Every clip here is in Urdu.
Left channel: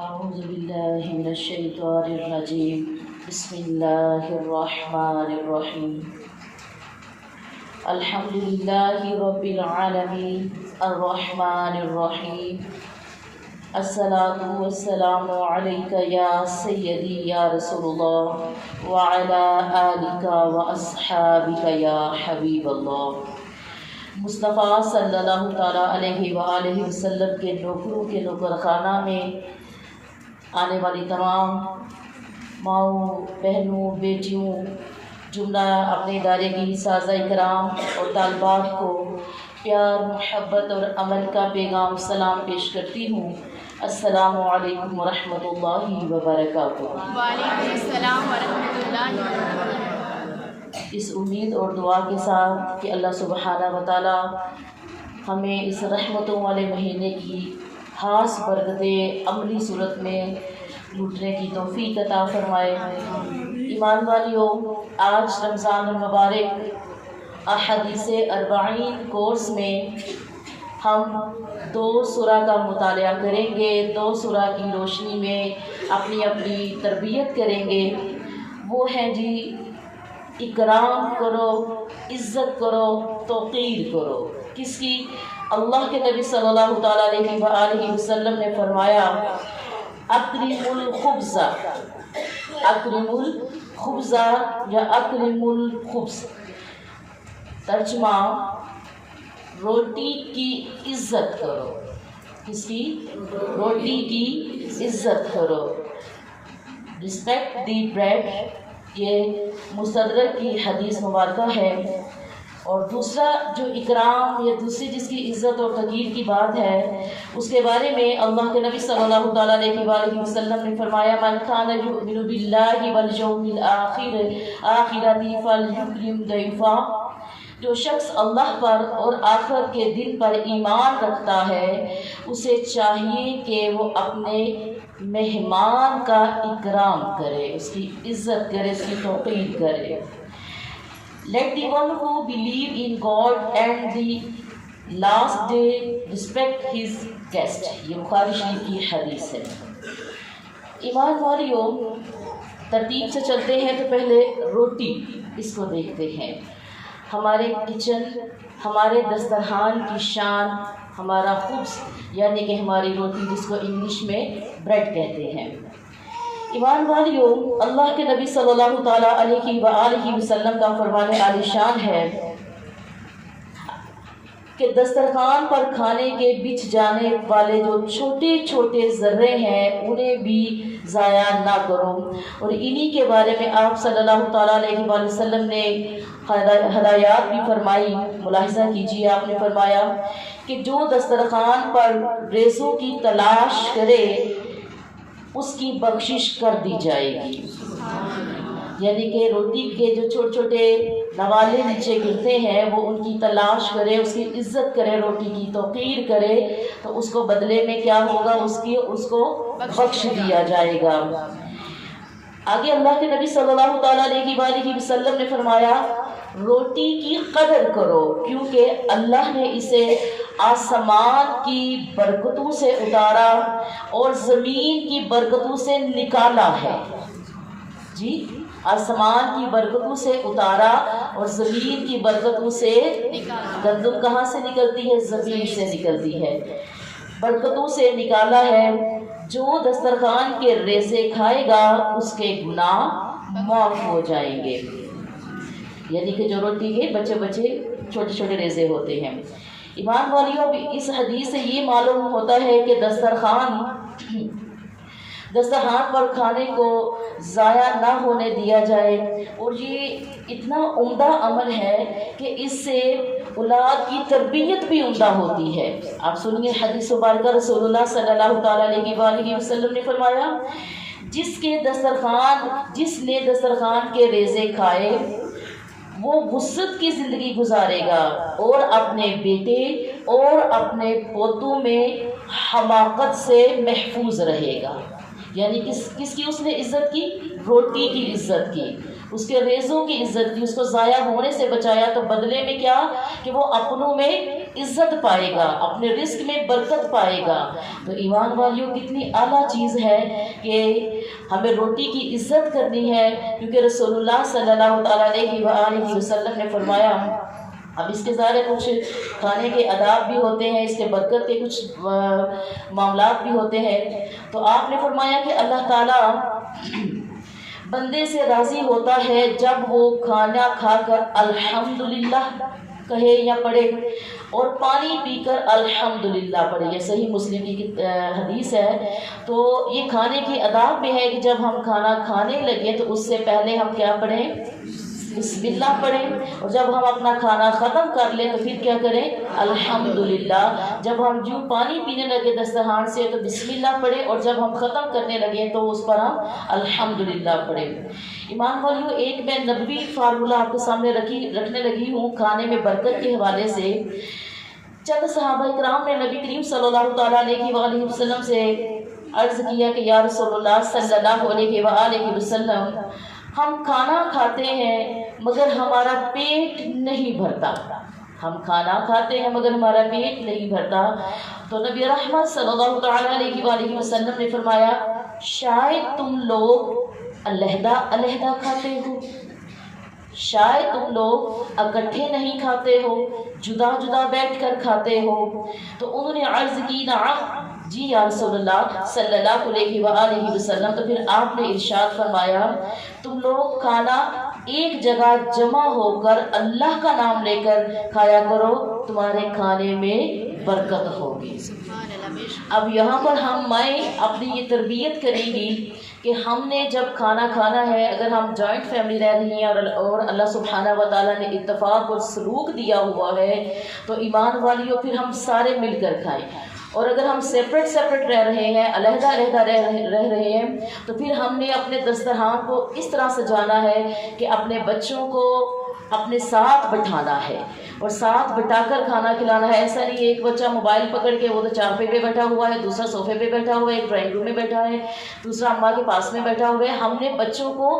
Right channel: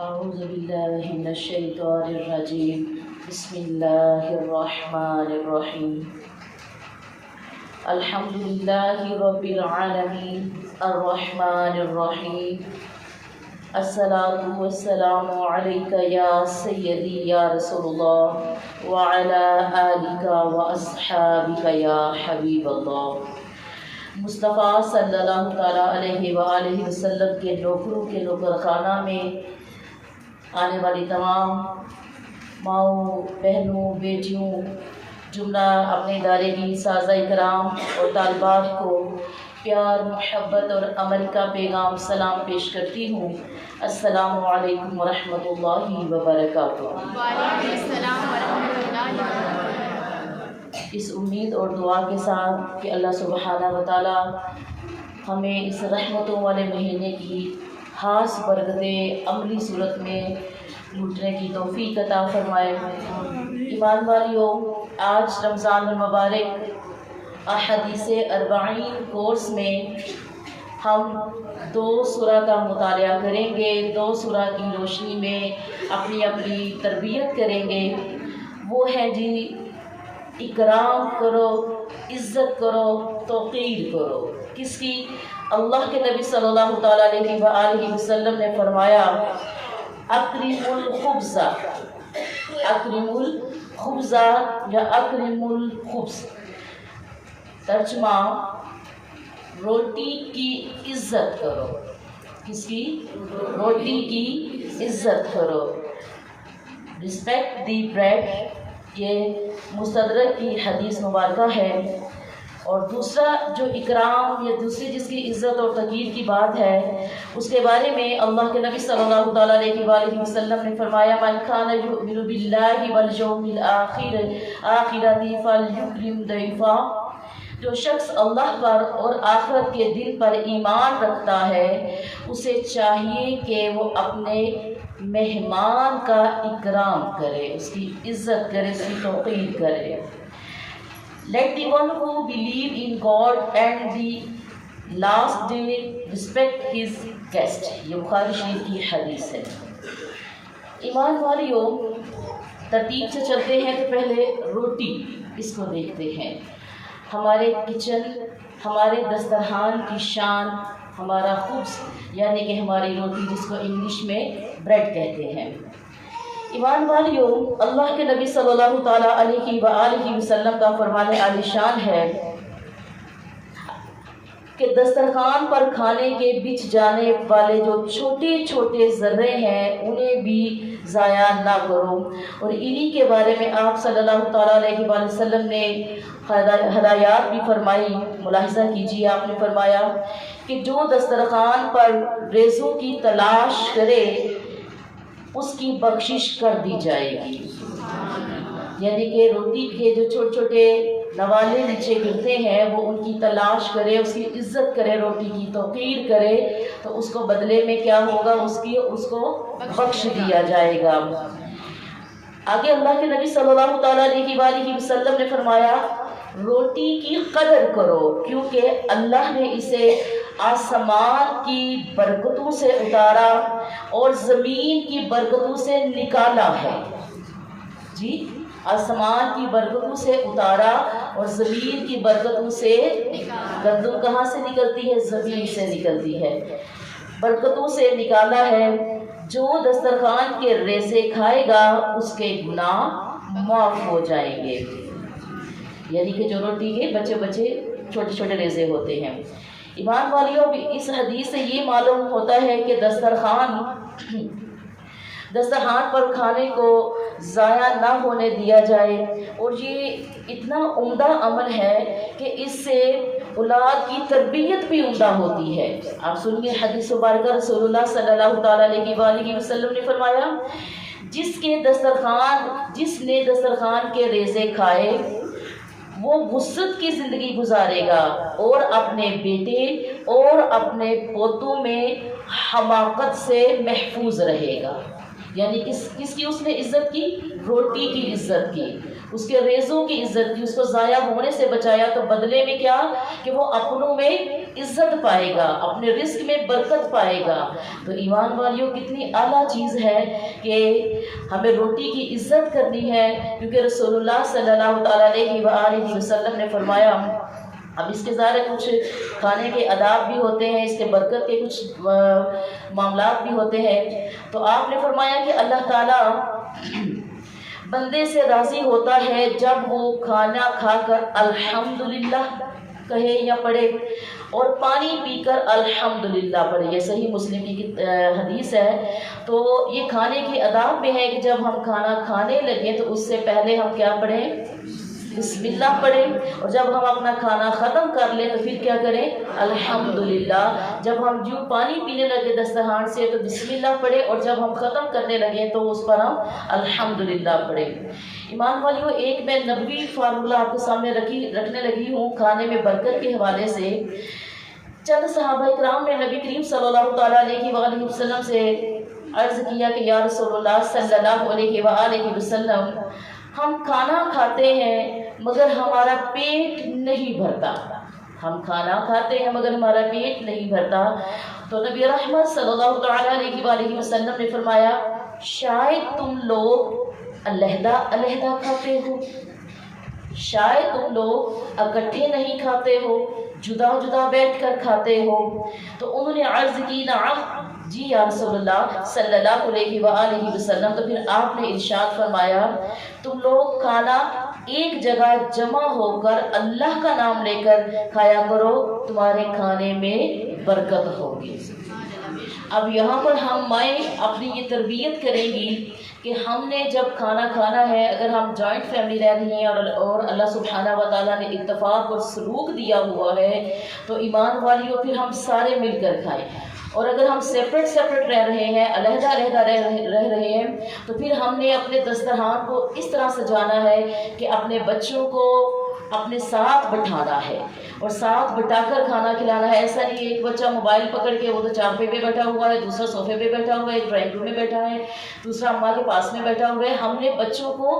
أعوذ بالله من الشيطان الرجيم بسم الله الرحمن الرحيم الحمد لله رب العالمين الرحمن الرحيم الصلاة والسلام عليك يا سيدي يا رسول الله وعلى آلك وأصحابك يا حبيب الله۔ مصطفیٰ صلی اللہ تعالیٰ علیہ وآلہ وسلم کے نوکروں کے نوکر خانہ میں آنے والی تمام ماؤں، بہنوں، بیٹیوں، جملہ اپنے ادارے کی سازہ کرام اور طالبات کو پیار، محبت اور عمل کا پیغام سلام پیش کرتی ہوں۔ السلام علیکم ورحمۃ اللہ وبرکاتہ۔ وعلیکم السلام ورحمۃ اللہ وبرکاتہ۔ اس امید اور دعا کے ساتھ کہ اللہ سبحانہ و تعالیٰ ہمیں اس رحمتوں والے مہینے کی خاص برکتیں عملی صورت میں لوٹنے کی توفیق عطا فرمائے۔ ایمان والیوں، آج رمضان المبارک احادیث اربعین کورس میں ہم 2 سورہ کا مطالعہ کریں گے، 2 سورہ کی روشنی میں اپنی تربیت کریں گے۔ وہ ہیں جی، اکرام کرو، عزت کرو، توقیر کرو۔ کس کی؟ اللہ کے نبی صلی اللہ تعالیٰ علیہ وآلہ وسلم نے فرمایا اکرم الخبز، اکرم الخبز یا اکرم الخبز، ترجمہ روٹی کی عزت کرو۔ کس کی؟ روٹی کی عزت کرو۔ رسپیکٹ دی بریڈ، یہ مستدرک کی حدیث مبارکہ ہے۔ اور دوسرا جو اکرام یا دوسری جس کی عزت اور تقدیر کی بات ہے، اس کے بارے میں اللہ کے نبی صلی اللہ تعالیٰ علیہ وآلہ وسلم نے فرمایا من کان یؤمن باللہ والیوم الآخر فلیکرم ضیفہ، جو شخص اللہ پر اور آخرت کے دن پر ایمان رکھتا ہے اسے چاہیے کہ وہ اپنے مہمان کا اکرام کرے، اس کی عزت کرے، اس کی توقیر کرے۔ Let the one who believe in God and the last day respect his guest، یہ بخاری شریف کی حدیث ہے۔ ایمان والیوں، ترتیب سے چلتے ہیں تو پہلے روٹی اس کو دیکھتے ہیں۔ ہمارے کچن، ہمارے دسترخوان کی شان ہمارا خبز، یعنی کہ ہماری روٹی، جس کو انگلش میں بریڈ کہتے ہیں۔ ایمان والیوں، اللہ کے نبی صلی اللہ تعالیٰ علیہ وآلہ وسلم کا فرمان عالی شان ہے کہ دسترخوان پر کھانے کے بچ جانے والے جو چھوٹے چھوٹے ذرے ہیں انہیں بھی ضائع نہ کرو۔ اور انہی کے بارے میں آپ صلی اللہ تعالیٰ علیہ وآلہ وسلم نے ہدایات بھی فرمائی۔ ملاحظہ کیجیے، آپ نے فرمایا کہ جو دسترخوان پر ریزوں کی تلاش کرے اس کی بخشش کر دی جائے گی۔ یعنی کہ روٹی کے جو چھوٹے چھوٹے نوالے نیچے گرتے ہیں وہ ان کی تلاش کرے، اس کی عزت کرے، روٹی کی توقیر کرے، تو اس کو بدلے میں کیا ہوگا؟ اس کو بخش دیا جائے گا۔ آگے اللہ کے نبی صلی اللہ تعالیٰ علیہ وآلہ وسلم نے فرمایا روٹی کی قدر کرو، کیونکہ اللہ نے اسے آسمان کی برکتوں سے اتارا اور زمین کی برکتوں سے نکالا ہے۔ جی، آسمان کی برکتوں سے اتارا اور زمین کی برکتوں سے، گندم کہاں سے نکلتی ہے؟ زمین سے نکلتی ہے۔ برکتوں سے نکالا ہے۔ جو دسترخوان کے ریزے کھائے گا اس کے گناہ معاف ہو جائیں گے۔ یعنی کہ جو روٹی کے بچے چھوٹے چھوٹے ریزے ہوتے ہیں۔ ایمان والیوں، اس حدیث سے یہ معلوم ہوتا ہے کہ دسترخوان پر کھانے کو ضائع نہ ہونے دیا جائے، اور یہ اتنا عمدہ عمل ہے کہ اس سے اولاد کی تربیت بھی عمدہ ہوتی ہے۔ آپ سنیے حدیث مبارکہ، رسول اللہ صلی اللہ تعالیٰ علیہ وآلہ وسلم نے فرمایا جس نے دسترخوان کے ریزے کھائے وہ وسعت کی زندگی گزارے گا اور اپنے بیٹے اور اپنے پوتوں میں حماقت سے محفوظ رہے گا۔ یعنی کس کی اس نے عزت کی؟ روٹی کی عزت کی۔ اس کے ریزوں کی عزت کی، اس کو ضائع ہونے سے بچایا، تو بدلے میں کیا کہ وہ اپنوں میں عزت پائے گا، اپنے رزق میں برکت پائے گا۔ تو ایمان والیوں کتنی اعلیٰ چیز ہے کہ ہمیں روٹی کی عزت کرنی ہے، کیونکہ رسول اللہ صلی اللہ تعالیٰ علیہ وآلہ وسلم نے فرمایا، اب اس کے ظاہر کچھ کھانے کے آداب بھی ہوتے ہیں، اس کے برکت کے کچھ معاملات بھی ہوتے ہیں، تو آپ نے فرمایا کہ اللہ تعالیٰ بندے سے راضی ہوتا ہے جب وہ کھانا کھا کر الحمدللہ کہے یا پڑھے، اور پانی پی کر الحمدللہ پڑھے۔ یہ صحیح مسلم کی حدیث ہے۔ تو یہ کھانے کے آداب میں ہے کہ جب ہم کھانا کھانے لگیں تو اس سے پہلے ہم کیا پڑھیں؟ بسم اللہ پڑھیں، اور جب ہم اپنا کھانا ختم کر لیں تو پھر کیا کریں؟ الحمدللہ۔ جب ہم جو پانی پینے لگے دسترخوان سے تو بسم اللہ پڑھیں، اور جب ہم ختم کرنے لگے تو اس پر ہم الحمدللہ پڑھیں۔ ایمان والیوں، ایک میں نبوی فارمولہ آپ کے سامنے رکھنے لگی ہوں کھانے میں برکت کے حوالے سے۔ چند صحابہ کرام نے نبی کریم صلی اللہ تعالیٰ علیہ وآلہ وسلم سے عرض کیا کہ یا رسول اللہ صلی اللہ علیہ وآلہ وسلم، ہم کھانا کھاتے ہیں مگر ہمارا پیٹ نہیں بھرتا، ہم کھانا کھاتے ہیں مگر ہمارا پیٹ نہیں بھرتا۔ تو نبی رحمت صلی اللہ تعالیٰ علیہ وآلہ وسلم نے فرمایا، شاید تم لوگ علیحدہ علیحدہ کھاتے ہو، شاید تم لوگ اکٹھے نہیں کھاتے ہو، جدا جدا بیٹھ کر کھاتے ہو۔ تو انہوں نے عرض کی، نعم جی یا رسول اللہ صلی اللہ علیہ وآلہ وسلم۔ تو پھر آپ نے ارشاد فرمایا، تم لوگ کھانا ایک جگہ جمع ہو کر اللہ کا نام لے کر کھایا کرو، تمہارے کھانے میں برکت ہوگی۔ اب یہاں پر ہم مائیں اپنی یہ تربیت کریں گی کہ ہم نے جب کھانا کھانا ہے، اگر ہم جوائنٹ فیملی رہ رہی ہیں اور اللہ سبحانہ و تعالیٰ نے اتفاق اور سلوک دیا ہوا ہے، تو ایمان والیوں پھر ہم سارے مل کر کھائیں۔ اور اگر ہم سیپریٹ رہ رہے ہیں، علیحدہ علیحدہ رہ رہے ہیں، تو پھر ہم نے اپنے دسترخوان کو اس طرح سجانا ہے کہ اپنے بچوں کو اپنے ساتھ بٹھانا ہے اور ساتھ بٹا کر کھانا کھلانا ہے۔ ایسا نہیں ایک بچہ موبائل پکڑ کے وہ تو چارپے پہ بیٹھا ہوا ہے، دوسرا صوفے پہ بیٹھا ہوا ہے، ایک ڈرائنگ روم میں بیٹھا ہے، دوسرا اماں کے پاس میں بیٹھا ہوا ہے۔ ہم نے بچوں کو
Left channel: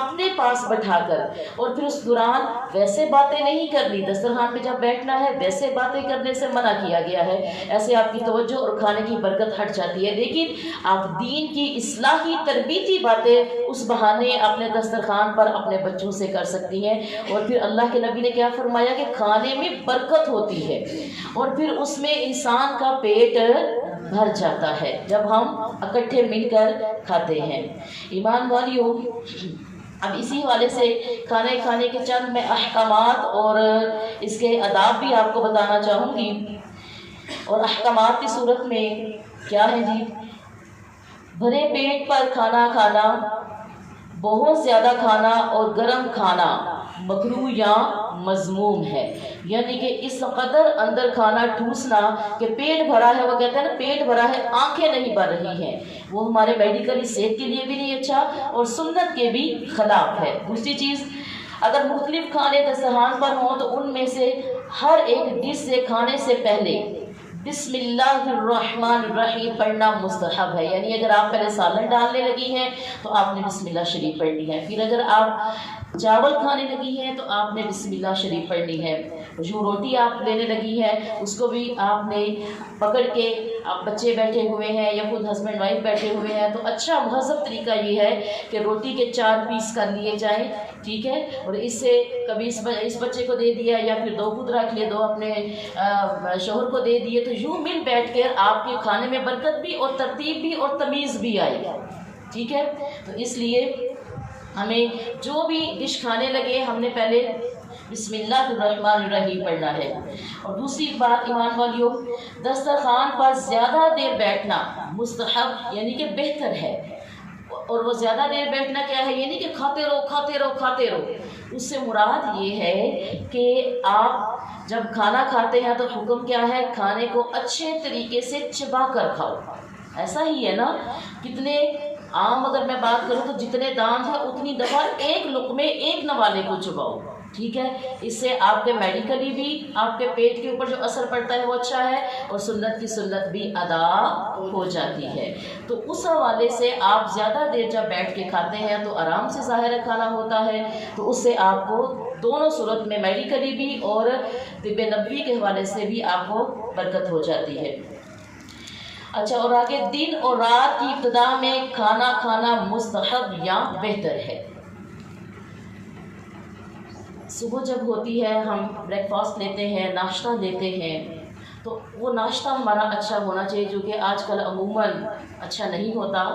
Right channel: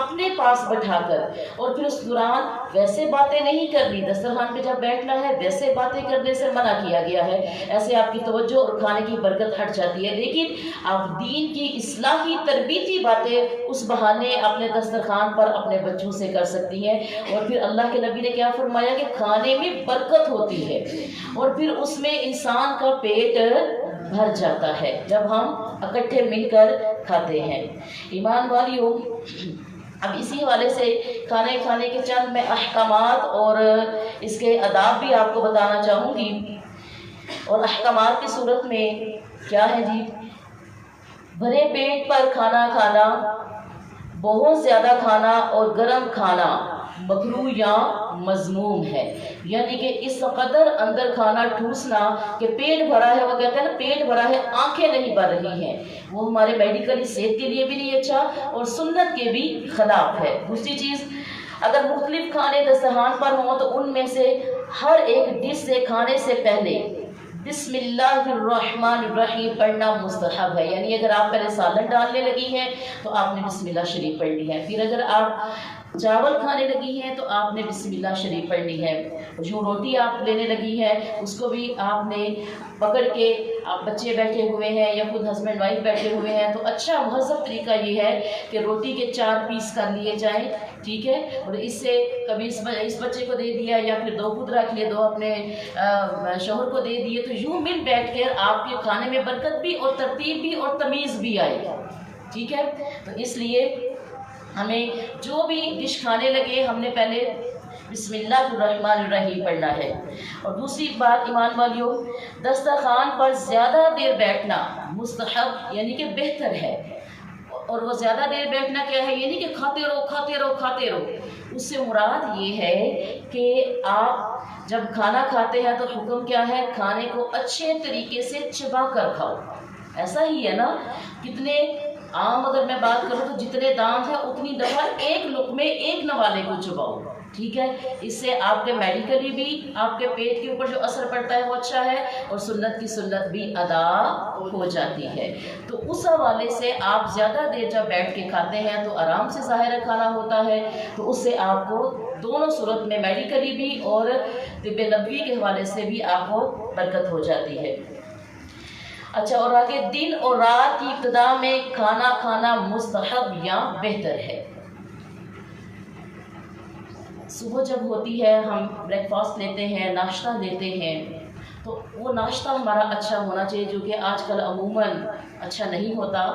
اپنے پاس بٹھا کر اور پھر اس دوران ویسے باتیں نہیں کرنی، دسترخوان پہ جب بیٹھنا ہے ویسے باتیں کرنے سے منع کیا گیا ہے، ایسے آپ کی توجہ اور کھانے کی برکت ہٹ جاتی ہے۔ لیکن آپ دین کی اصلاحی تربیتی باتیں اس بہانے اپنے دسترخوان پر اپنے بچوں سے کر سکتی ہیں۔ اور پھر اللہ کے نبی نے کیا فرمایا کہ کھانے میں برکت ہوتی ہے اور پھر اس میں انسان کا پیٹ بھر جاتا ہے جب ہم اکٹھے مل کر کھاتے ہیں۔ ایمان والیوں، اب اسی حوالے سے کھانے کھانے کے چند میں احکامات اور اس کے آداب بھی آپ کو بتانا چاہوں گی۔ اور احکامات کی صورت میں کیا ہے جی؟ بھرے پیٹ پر کھانا کھانا، بہت زیادہ کھانا اور گرم کھانا مکروہ یا مذموم ہے، یعنی کہ اس قدر اندر کھانا ٹھوسنا کہ پیٹ بھرا ہے، وہ کہتے ہیں نا پیٹ بھرا ہے آنکھیں نہیں بھر رہی ہیں، وہ ہمارے میڈیکلی صحت کے لیے بھی نہیں اچھا اور سنت کے بھی خلاف ہے۔ دوسری چیز، اگر مختلف کھانے دسترخوان پر ہوں تو ان میں سے ہر ایک ڈش سے کھانے سے پہلے بسم اللہ الرحمن الرحیم پڑھنا مستحب ہے، یعنی اگر آپ پہلے سالن ڈالنے لگی ہیں تو آپ نے بسم اللہ شریف پڑھنی ہے، پھر اگر آپ چاول کھانے لگی ہیں تو آپ نے بسم اللہ شریف پڑھنی ہے، جو روٹی آپ لینے لگی ہے اس کو بھی آپ نے پکڑ کے، آپ بچے بیٹھے ہوئے ہیں یا خود ہسبینڈ وائف بیٹھے ہوئے ہیں تو اچھا مہذب طریقہ یہ ہے کہ روٹی کے 4 پیس کر لیے جائیں، ٹھیک ہے، اور اس سے کبھی اس بچے کو دے دیا یا پھر 2 خود رکھ لیے، 2 اپنے شوہر کو دے دیے، تو یوں مل بیٹھ کر آپ کے کھانے میں برکت بھی اور ترتیب بھی اور تمیز بھی آئے گا، ٹھیک ہے۔ تو اس لیے ہمیں جو بھی ڈش کھانے لگے ہم نے پہلے بسم اللہ الرحمن الرحیم پڑھنا ہے۔ اور دوسری بات ایمان والیوں، دسترخوان پر زیادہ دیر بیٹھنا مستحب یعنی کہ بہتر ہے، اور وہ زیادہ دیر بیٹھنا کیا ہے، یعنی کہ کھاتے رہو کھاتے رہو کھاتے رہو، اس سے مراد یہ ہے کہ آپ جب کھانا کھاتے ہیں تو حکم کیا ہے، کھانے کو اچھے طریقے سے چبا کر کھاؤ۔ ایسا ہی ہے نا، کتنے عام اگر میں بات کروں تو جتنے دانت ہیں اتنی دفعہ ایک لقمے ایک نوالے کو چباؤ، ٹھیک ہے، اس سے آپ کے میڈیکلی بھی آپ کے پیٹ کے اوپر جو اثر پڑتا ہے وہ اچھا ہے، اور سنت کی سنت بھی ادا ہو جاتی ہے۔ تو اس حوالے سے آپ زیادہ دیر جب بیٹھ کے کھاتے ہیں تو آرام سے ظاہر کھانا ہوتا ہے، تو اس سے آپ کو دونوں صورت میں میڈیکلی بھی اور طب نبوی کے حوالے سے بھی آپ کو برکت ہو جاتی ہے۔ اچھا، اور آگے دن اور رات کی ابتدا میں کھانا کھانا مستحب یا بہتر ہے۔ صبح جب ہوتی ہے ہم بریک فاسٹ لیتے ہیں، ناشتہ لیتے ہیں، تو وہ ناشتہ ہمارا اچھا ہونا چاہیے، جو کہ آج کل عموماً اچھا نہیں ہوتا۔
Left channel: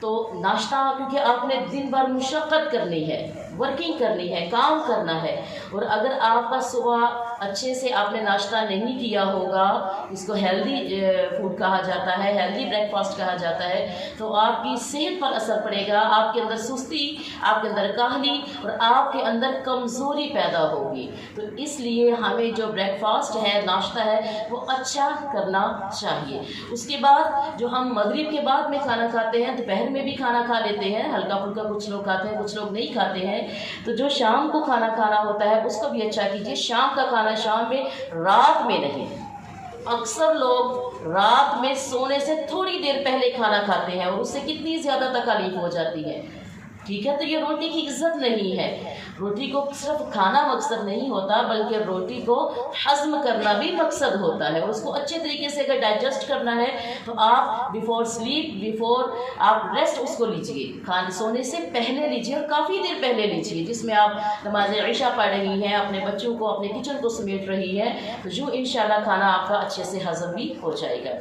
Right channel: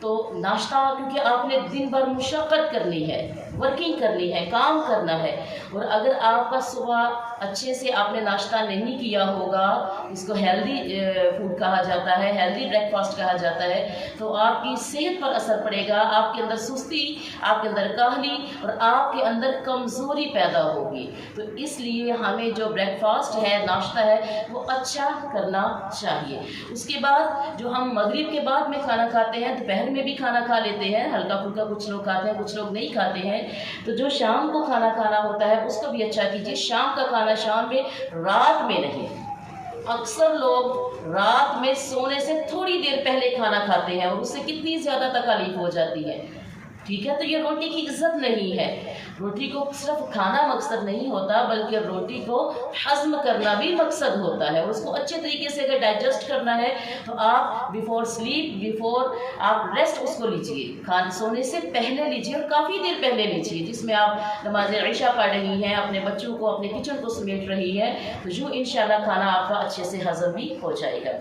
تو ناشتہ، کیونکہ آپ نے دن بھر مشقت کرنی ہے، ورکنگ کرنی ہے، کام کرنا ہے، اور اگر آپ کا صبح اچھے سے آپ نے ناشتہ نہیں کیا ہوگا، اس کو ہیلدی فوڈ کہا جاتا ہے، ہیلدی بریک فاسٹ کہا جاتا ہے، تو آپ کی صحت پر اثر پڑے گا، آپ کے اندر سستی، آپ کے اندر کاہلی اور آپ کے اندر کمزوری پیدا ہوگی۔ تو اس لیے ہمیں جو بریک فاسٹ ہے، ناشتہ ہے، وہ اچھا کرنا چاہیے۔ اس کے بعد جو ہم مغرب کے بعد میں کھانا کھاتے ہیں، دوپہر میں بھی کھانا کھا لیتے ہیں، ہلکا پھلکا کچھ لوگ کھاتے ہیں، کچھ لوگ نہیں کھاتے ہیں، تو جو شام کو کھانا کھانا ہوتا ہے اس کو بھی اچھا کیجیے۔ شام کا کھانا شام میں، رات میں نہیں۔ اکثر لوگ رات میں سونے سے تھوڑی دیر پہلے کھانا کھاتے ہیں، اور اس سے کتنی زیادہ تکلیف ہو جاتی ہے، ٹھیک ہے۔ تو یہ روٹی کی عزت نہیں ہے۔ روٹی کو صرف کھانا مقصد نہیں ہوتا، بلکہ روٹی کو ہضم کرنا بھی مقصد ہوتا ہے۔ اس کو اچھے طریقے سے اگر ڈائجسٹ کرنا ہے تو آپ بیفور سلیپ، بیفور آپ ریسٹ اس کو لیجئے، سونے سے پہلے لیجئے، اور کافی دیر پہلے لیجئے، جس میں آپ نماز عشاء پڑھ رہی ہیں، اپنے بچوں کو، اپنے کچن کو سمیٹ رہی ہیں، تو جو انشاءاللہ کھانا آپ کا اچھے سے ہضم بھی ہو جائے گا۔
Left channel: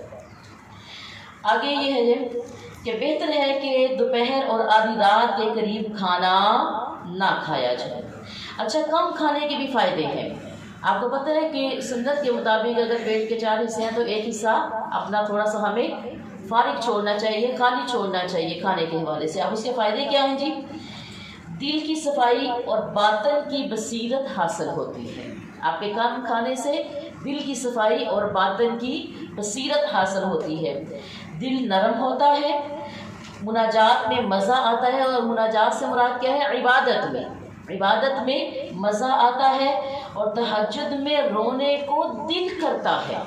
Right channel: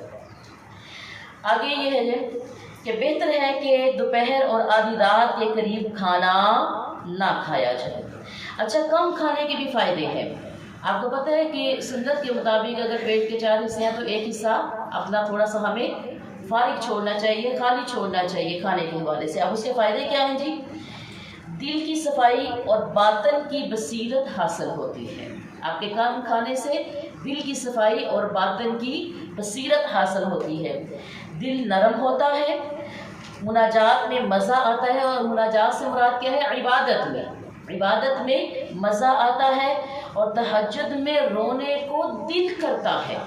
آگے یہ ہے کہ بہتر ہے کہ دوپہر اور آدھی رات کے قریب کھانا نہ کھایا جائے۔ اچھا، کم کھانے کے بھی فائدے ہیں۔ آپ کو پتہ ہے کہ سنت کے مطابق اگر پیٹ کے 4 حصے ہیں تو ایک حصہ اپنا تھوڑا سا ہمیں فارغ چھوڑنا چاہیے، خالی چھوڑنا چاہیے کھانے کے حوالے سے۔ اب اس کے فائدے کیا ہیں جی؟ دل کی صفائی اور باطن کی بصیرت حاصل ہوتی ہے۔ آپ کے کھانے سے دل کی صفائی اور باطن کی بصیرت حاصل ہوتی ہے، دل نرم ہوتا ہے، مناجات میں مزہ آتا ہے، اور مناجات سے مراد کیا ہے؟ عبادت میں مزہ آتا ہے، اور تہجد میں رونے کو دل کرتا ہے۔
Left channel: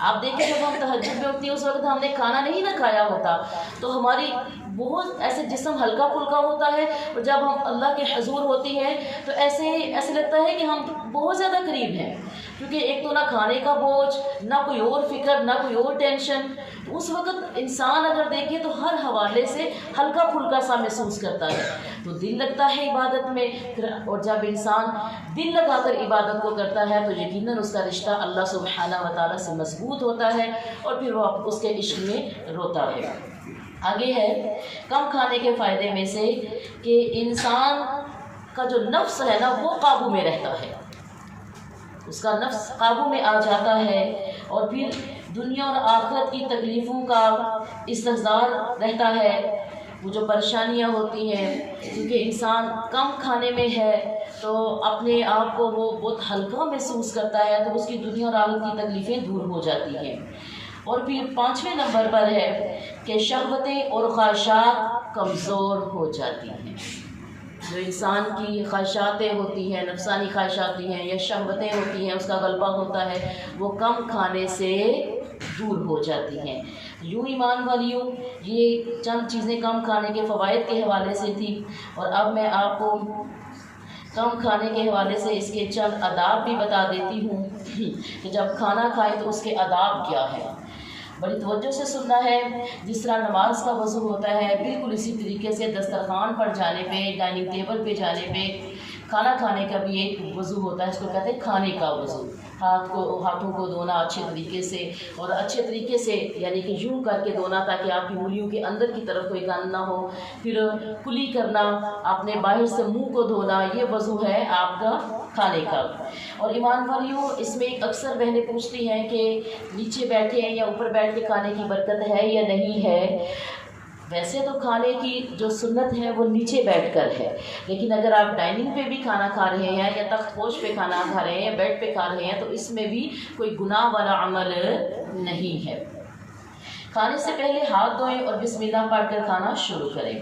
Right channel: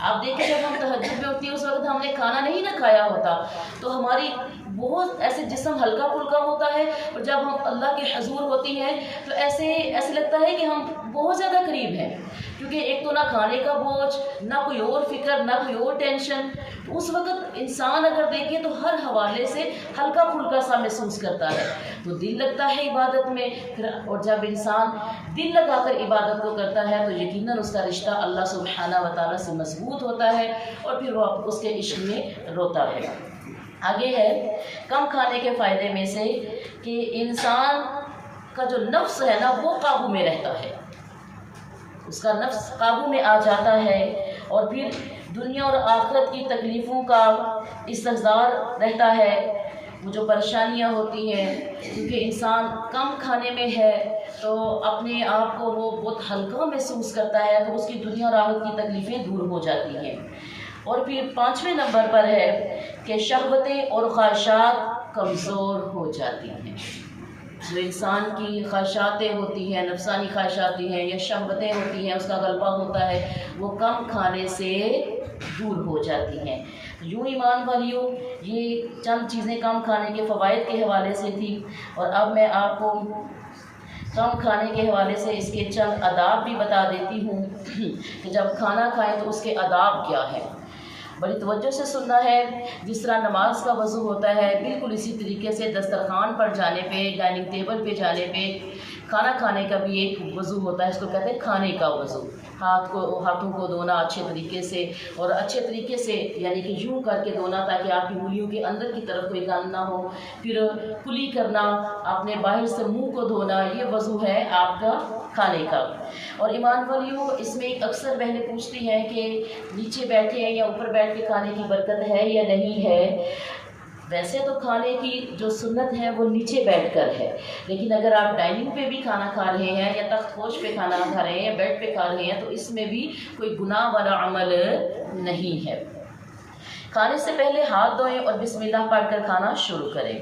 آپ دیکھیں جب ہم تہجد میں ہوتی ہے، اس وقت ہم نے کھانا نہیں نہ کھایا ہوتا، تو ہماری بہت ایسے جسم ہلکا پھلکا ہوتا ہے، اور جب ہم اللہ کے حضور ہوتی ہیں تو ایسے لگتا ہے کہ ہم بہت زیادہ قریب ہیں، کیونکہ ایک تو نہ کھانے کا بوجھ، نہ کوئی اور فکر، نہ کوئی اور ٹینشن۔ تو اس وقت انسان اگر دیکھے تو ہر حوالے سے ہلکا پھلکا سا محسوس کرتا ہے، تو دل لگتا ہے عبادت میں پھر، اور جب انسان دل لگا کر عبادت کو کرتا ہے تو یقیناً اس کا رشتہ اللہ سبحانہ و تعالیٰ سے مضبوط ہوتا ہے، اور پھر وہ اس کے عشق میں روتا ہے۔ آگے ہے کم کھانے کے فائدے میں سے کہ انسان کا جو نفس ہے نا، وہ قابو میں رہتا ہے، اس کا نفس قابو میں آ جاتا ہے، اور پھر دنیا اور آخرت کی تکلیفوں کا استحضار رہتا ہے۔ وہ جو پریشانیاں ہوتی ہیں، کیونکہ انسان کم کھانے میں ہے تو اپنے آپ کو وہ بہت ہلکا محسوس کرتا ہے، تو اس کی دنیا اور آخرت کی تکلیفیں دور ہو جاتی ہیں۔ اور پھر 5ویں نمبر پر ہے کہ شہوتیں اور خواہشات کمزور ہو جاتی ہیں۔ جو انسان کی خواہشاتیں ہوتی ہیں، نفسانی خواہشات ہیں یا شہوتیں ہوتی ہیں، اس کا غلبہ ہوتا ہے، وہ کم کھانے سے دور ہو جاتی ہیں۔ یوں ایمان والیوں، یہ چند چیزیں کم کھانے کے فوائد کے حوالے سے تھی، اور اب میں آپ کو کم کھانے کے حوالے سے اس کے چند آداب بھی بتا دیتی ہوں کہ جب کھانا کھائیں تو اس کے آداب کیا ہیں۔ بڑی توجہ سے سننا ہے۔ جس طرح نماز کا وضو ہوتا ہے، بالکل اسی طریقے سے دسترخوان پر جانے پہ، ڈائننگ ٹیبل پہ جانے پہ کھانا کھانے کا بھی ایک وضو ہوتا ہے، اس کو کہتے ہیں کھانے کا وضو۔ ہاتھوں کو دھونا اچھے طریقے سے، اور اچھے طریقے سے یعنی کہ یوں کر کے دھونا تاکہ آپ کی انگلیوں کے اندر کی طرف کوئی گند نہ ہو، پھر کلی کرنا، اپنے باہر سے منہ کو دھونا، یہ وضو ہے آپ کا کھانے کا۔ اور ایمان والیوں، اس میں اکثر بہنیں پوچھتی ہیں کہ نیچے بیٹھے ہیں یا اوپر بیٹھ کے کھانے کی برکت ہے یا نہیں ہے۔ ویسے تو کھانے کی جو سنت ہے وہ نیچے بیٹھ کر ہے، لیکن اگر آپ ڈائننگ پہ بھی کھانا کھا رہے ہیں یا تخت پوش پہ کھانا کھا رہے ہیں یا بیڈ پہ کھا رہے ہیں تو اس میں بھی کوئی گناہ والا عمل نہیں ہے۔ کھانے سے پہلے ہاتھ دھوئیں اور بسم اللہ پڑھ کر کھانا شروع کریں۔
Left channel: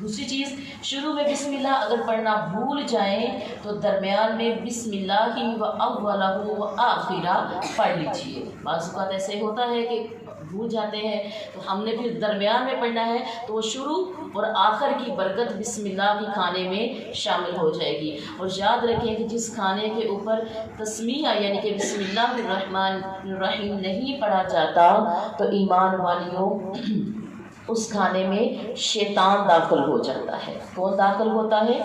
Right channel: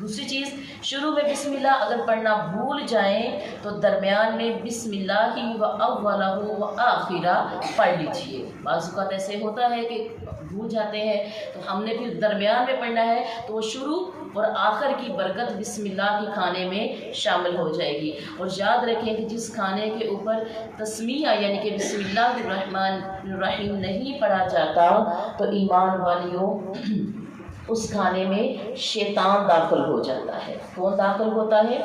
دوسری چیز، شروع میں بسم اللہ اگر پڑھنا بھول جائیں تو درمیان میں بسم اللہ ہی و اولہ و آخرہ پڑھ لیجیے۔ بعض اوقات ایسے ہوتا ہے کہ بھول جاتے ہیں تو ہم نے پھر درمیان میں پڑھنا ہے، تو وہ شروع اور آخر کی برکت بسم اللہ کے کھانے میں شامل ہو جائے گی۔ اور یاد رکھیں کہ جس کھانے کے اوپر تسمیہ یعنی کہ بسم اللہ الرحمن الرحیم نہیں پڑھا جاتا تو ایمان والیوں اس کھانے میں شیطان داخل ہو جاتا ہے۔ کون داخل ہوتا ہے؟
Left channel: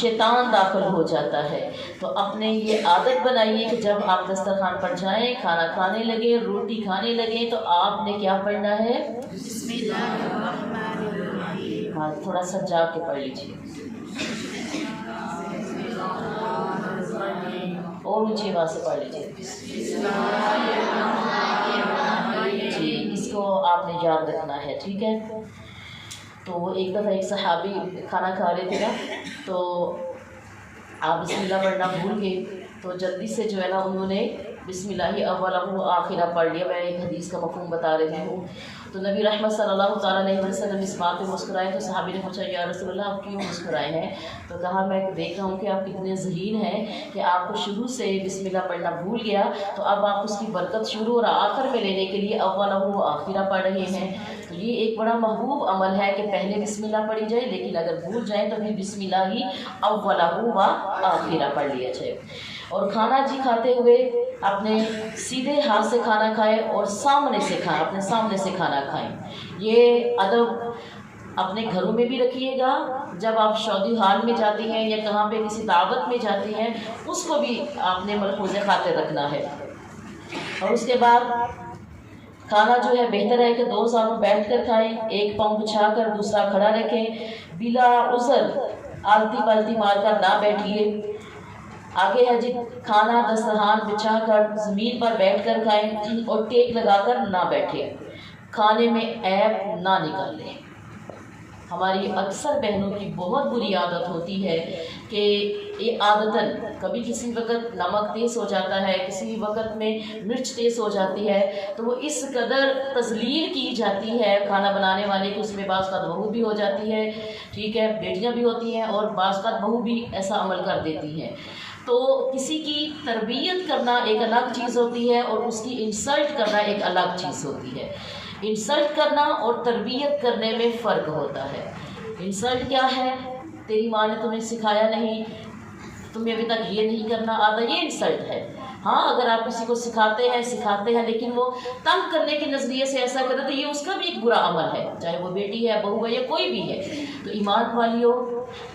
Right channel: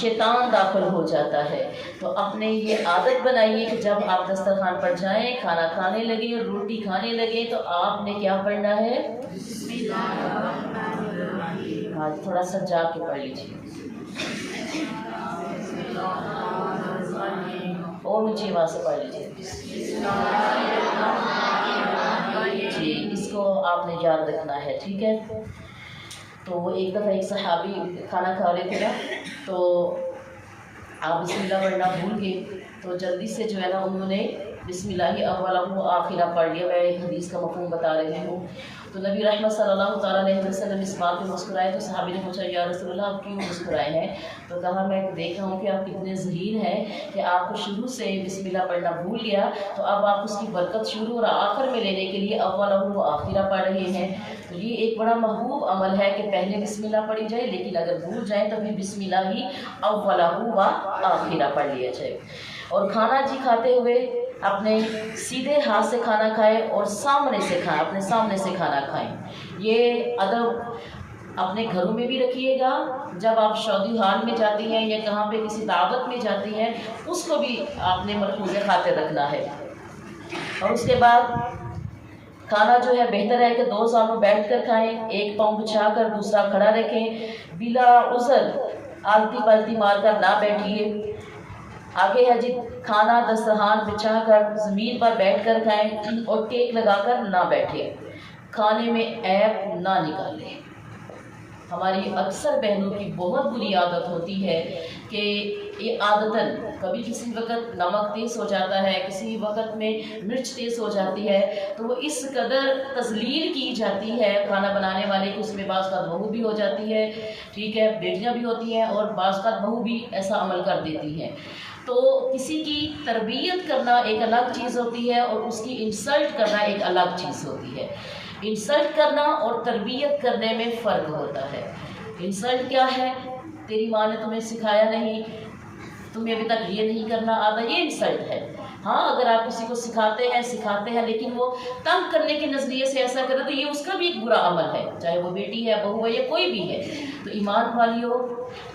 شیطان داخل ہو جاتا ہے۔ تو اپنے یہ عادت بنائیے کہ جب آپ دسترخوان پر جائیں، کھانا کھانے لگیں، روٹی کھانے لگیں تو آپ نے کیا پڑھنا ہے؟ بسم اللہ الرحمن الرحیم۔ ہاں، تھوڑا سا جا کے پڑھ لیجیے اور اونچی آواز سے پڑھ لیجیے۔ جی، اس کو آپ نے یاد رکھنا ہے، ٹھیک ہے؟ تو وہ ایک دفعہ ایک صحابی کھانا کھا رہے تھے نا، تو آپ بسم اللہ پڑھنا بھول گئے تو جلدی سے جو ہے نا انہوں نے بسم اللہ اولہ و آخرہ پڑھ لیا۔ میں ایک حدیث کا مفہوم بتا رہی ہوں۔ تو نبی رحمت صلی اللہ تعالیٰ علیہ وسلم اس بات پہ مسکرائے تو صحابی نے پوچھا یا رسول اللہ آپ کیوں مسکرائے ہیں؟ تو کہا میں دیکھ رہا ہوں کہ آپ کتنے ذہین ہیں کہ آپ کو شروع سے بسم اللہ پڑھنا بھول گیا، تو اب آپ اس کی برکت شروع اور آخر میں لینے کے لیے اولہ و آخرہ پڑھ رہے ہیں۔ تو یہ ایک بڑا محبوب عمل ہے کہ پہلے بسم اللہ پڑھی جائے، لیکن اگر بھول جائیں تو پھر بسم اللہ ہی اولہ و آخرہ پڑھ لیا جائے۔ اور کھانا جی کھاتے ہوئے اپنے سیدھے ہاتھ سے کھانا کھائیں اور سامنے سے کھائیں، اپنے سامنے سے کھانا کھائیں۔ یہ ادب اپنے گھروں میں بھی رکھیے گا، جب آپ شادی حال میں جاتی ہیں یا کہاں پہ کسی دعوت میں جاتی ہیں اس کو بھی آپ نے ملحوظ خاطر رکھنا ہے۔ اور اس کے بعد کھانا جو ہے بہتر ہے کہ دو سامنے بیٹھ کر کھائیں، ایک پاؤں بچھا کر دوسرا کھڑا رکھیں، بلا عذر آلتی پالتی مار کر نہ بیٹھیے۔ آگے ہے جی، کھانا دسترخوان بچھا کر زمین پر بیٹھ کر کھائیں اور ٹیک لگا کر نہ بیٹھے، کھانے میں عیب نہ نکالیں۔ ہماری اکثر بہنوں کی بہت بری عادت ہوتی ہے کہ یہ عادتاً کبھی کسی وقت نمک تیز ہو جاتا ہے، کسی وقت میں مرچ تیز ہو جاتی ہے، تو وہ اس قدر تذلیل کی جاتی ہے کھانا بنانے والے کی، اس میں بعض کا بہو بھی ہو جاتی ہے، ٹھیک ہے، بیٹیاں بھی ہوتی ہیں اور بعض کا بہو بھی ایسا عمل کر دیتی ہے۔ تو کسی کی تربیت کرنا ایک الگ چیز ہوتی ہے اور اس کی انسلٹ کرنا ایک الگ چیز ہوتی ہے۔ انسلٹ کرنا اور تربیت کرنے میں فرق ہوتا ہے۔ انسلٹ کیا ہے؟ تیری ماں نے تمہیں سکھایا نہیں، تمہیں ابھی تک یہ نہیں کرنا آتا، یہ انسلٹ ہے۔ ہاں، اگر آپ کسی کو سکھاتے ہیں لیکن وہ تنگ کرنے کے نظریے سے ایسا کرے تو یہ اس کا بھی ایک برا عمل ہے، چاہے وہ بیٹی ہے، بہو ہے یا کوئی بھی ہے۔ تو ایمان والیوں،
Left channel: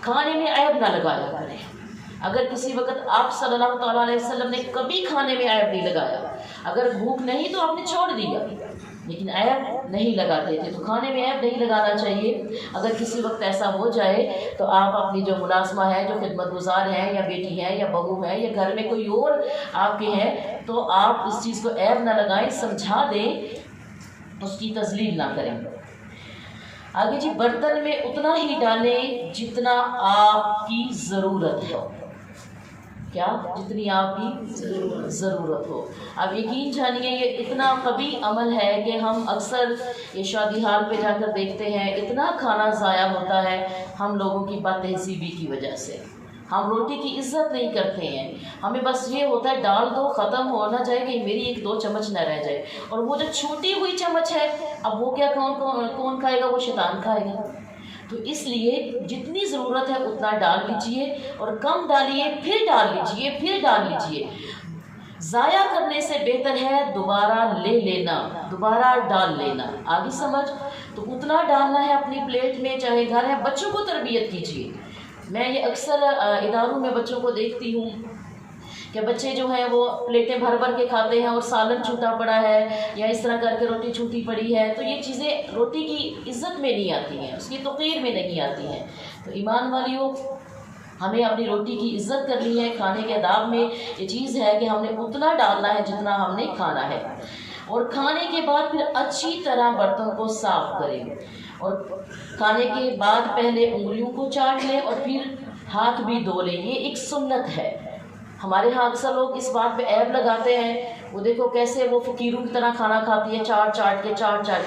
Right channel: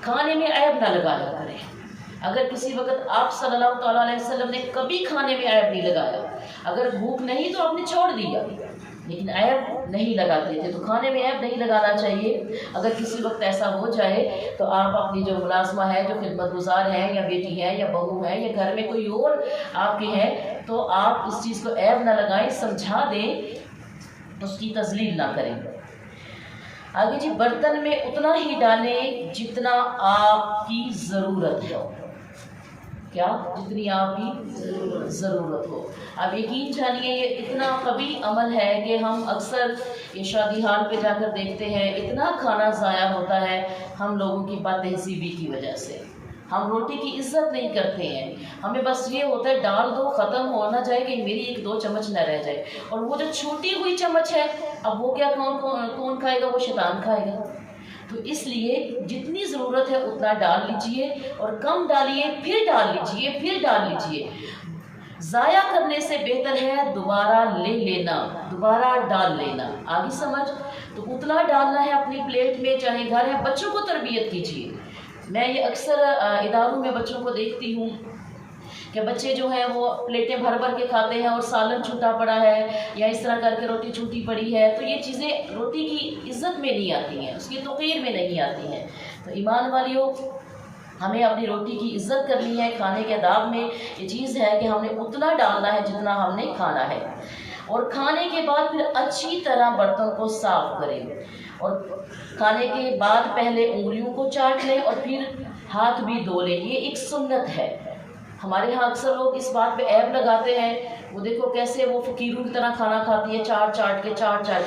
کھانے میں عیب نہ لگایا کریں۔ اگر کسی وقت آپ صلی اللہ تعالیٰ علیہ وسلم نے کبھی کھانے میں عیب نہیں لگایا، اگر بھوک نہیں تو آپ نے چھوڑ دیا، لیکن عیب نہیں لگاتے تھے، تو کھانے میں عیب نہیں لگانا چاہیے۔ اگر کسی وقت ایسا ہو جائے تو آپ اپنی جو ملازمہ ہے، جو خدمت گزار ہیں یا بیٹی ہے یا بہو ہے یا گھر میں کوئی اور آپ کے ہے، تو آپ اس چیز کو عیب نہ لگائیں، سمجھا دیں، اس کی تذلیل نہ کریں۔ آگے جی، برتن میں اتنا ہی ڈالیں جتنا آپ کی ضرورت ہو۔ کیا؟ جتنی آپ کی ضرورت ہو۔ اب یقین جانیے یہ اتنا قوی عمل ہے کہ ہم اکثر یہ شادی حال پہ جا کر دیکھتے ہیں، اتنا کھانا ضائع ہوتا ہے ہم لوگوں کی بد تہذیبی کی وجہ سے۔ ہم روٹی کی عزت نہیں کرتے ہیں، ہمیں بس یہ ہوتا ہے ڈال دو، ختم ہونا چاہے کہ میری ایک دو چمچ نہ رہ جائے، اور وہ جو چھوٹی ہوئی چمچ ہے اب وہ کیا کون کھائے گا؟ وہ شیطان کھائے گا۔ تو اس لیے جتنی ضرورت ہے اتنا ڈال لیجئے، اور کم ڈالیے پھر ڈال لیجئے، پھر ڈال لیجئے۔ ضائع کرنے سے بہتر ہے دوبارہ لے لینا، دوبارہ ڈال لینا۔ آگے سمجھ؟ تو اتنا ڈالنا ہے اپنی پلیٹ میں، چاہے گھر ہے۔ بچوں کو تربیت کیجیے۔ میں یہ اکثر اداروں میں بچوں کو دیکھتی ہوں کہ بچے جو ہیں وہ پلیٹیں بھر بھر کے کھاتے ہیں اور سالن چھوٹا پڑا ہے یا اس طرح کر کے روٹی چھوٹی پڑی ہے، تو یہ چیزیں روٹی کی عزت میں نہیں آتی ہیں، اس کی توقیر میں نہیں آتی ہیں۔ تو ایمان والیوں، ہمیں اپنی روٹی کی عزت کرنی ہے۔ کھانے کے آداب میں یہ چیز ہے کہ ہم نے اتنا ڈالنا ہے جتنا ہم نے کھانا ہے، اور کھانے کے بعد پھر اچھی طرح برتن کو صاف کریں، اور کھانے کے بعد پہلے انگلیوں کو چاٹ لیں اور پھر ہاتھ بھی دھو لیں۔ یہ ایک سنت ہے، ہمارے ہاں اکثر لوگ اس بات پہ عیب لگاتے ہیں، وہ دیکھو کیسے وہ فقیروں کی طرح کھانا کھاتی ہے، چاٹ چاٹ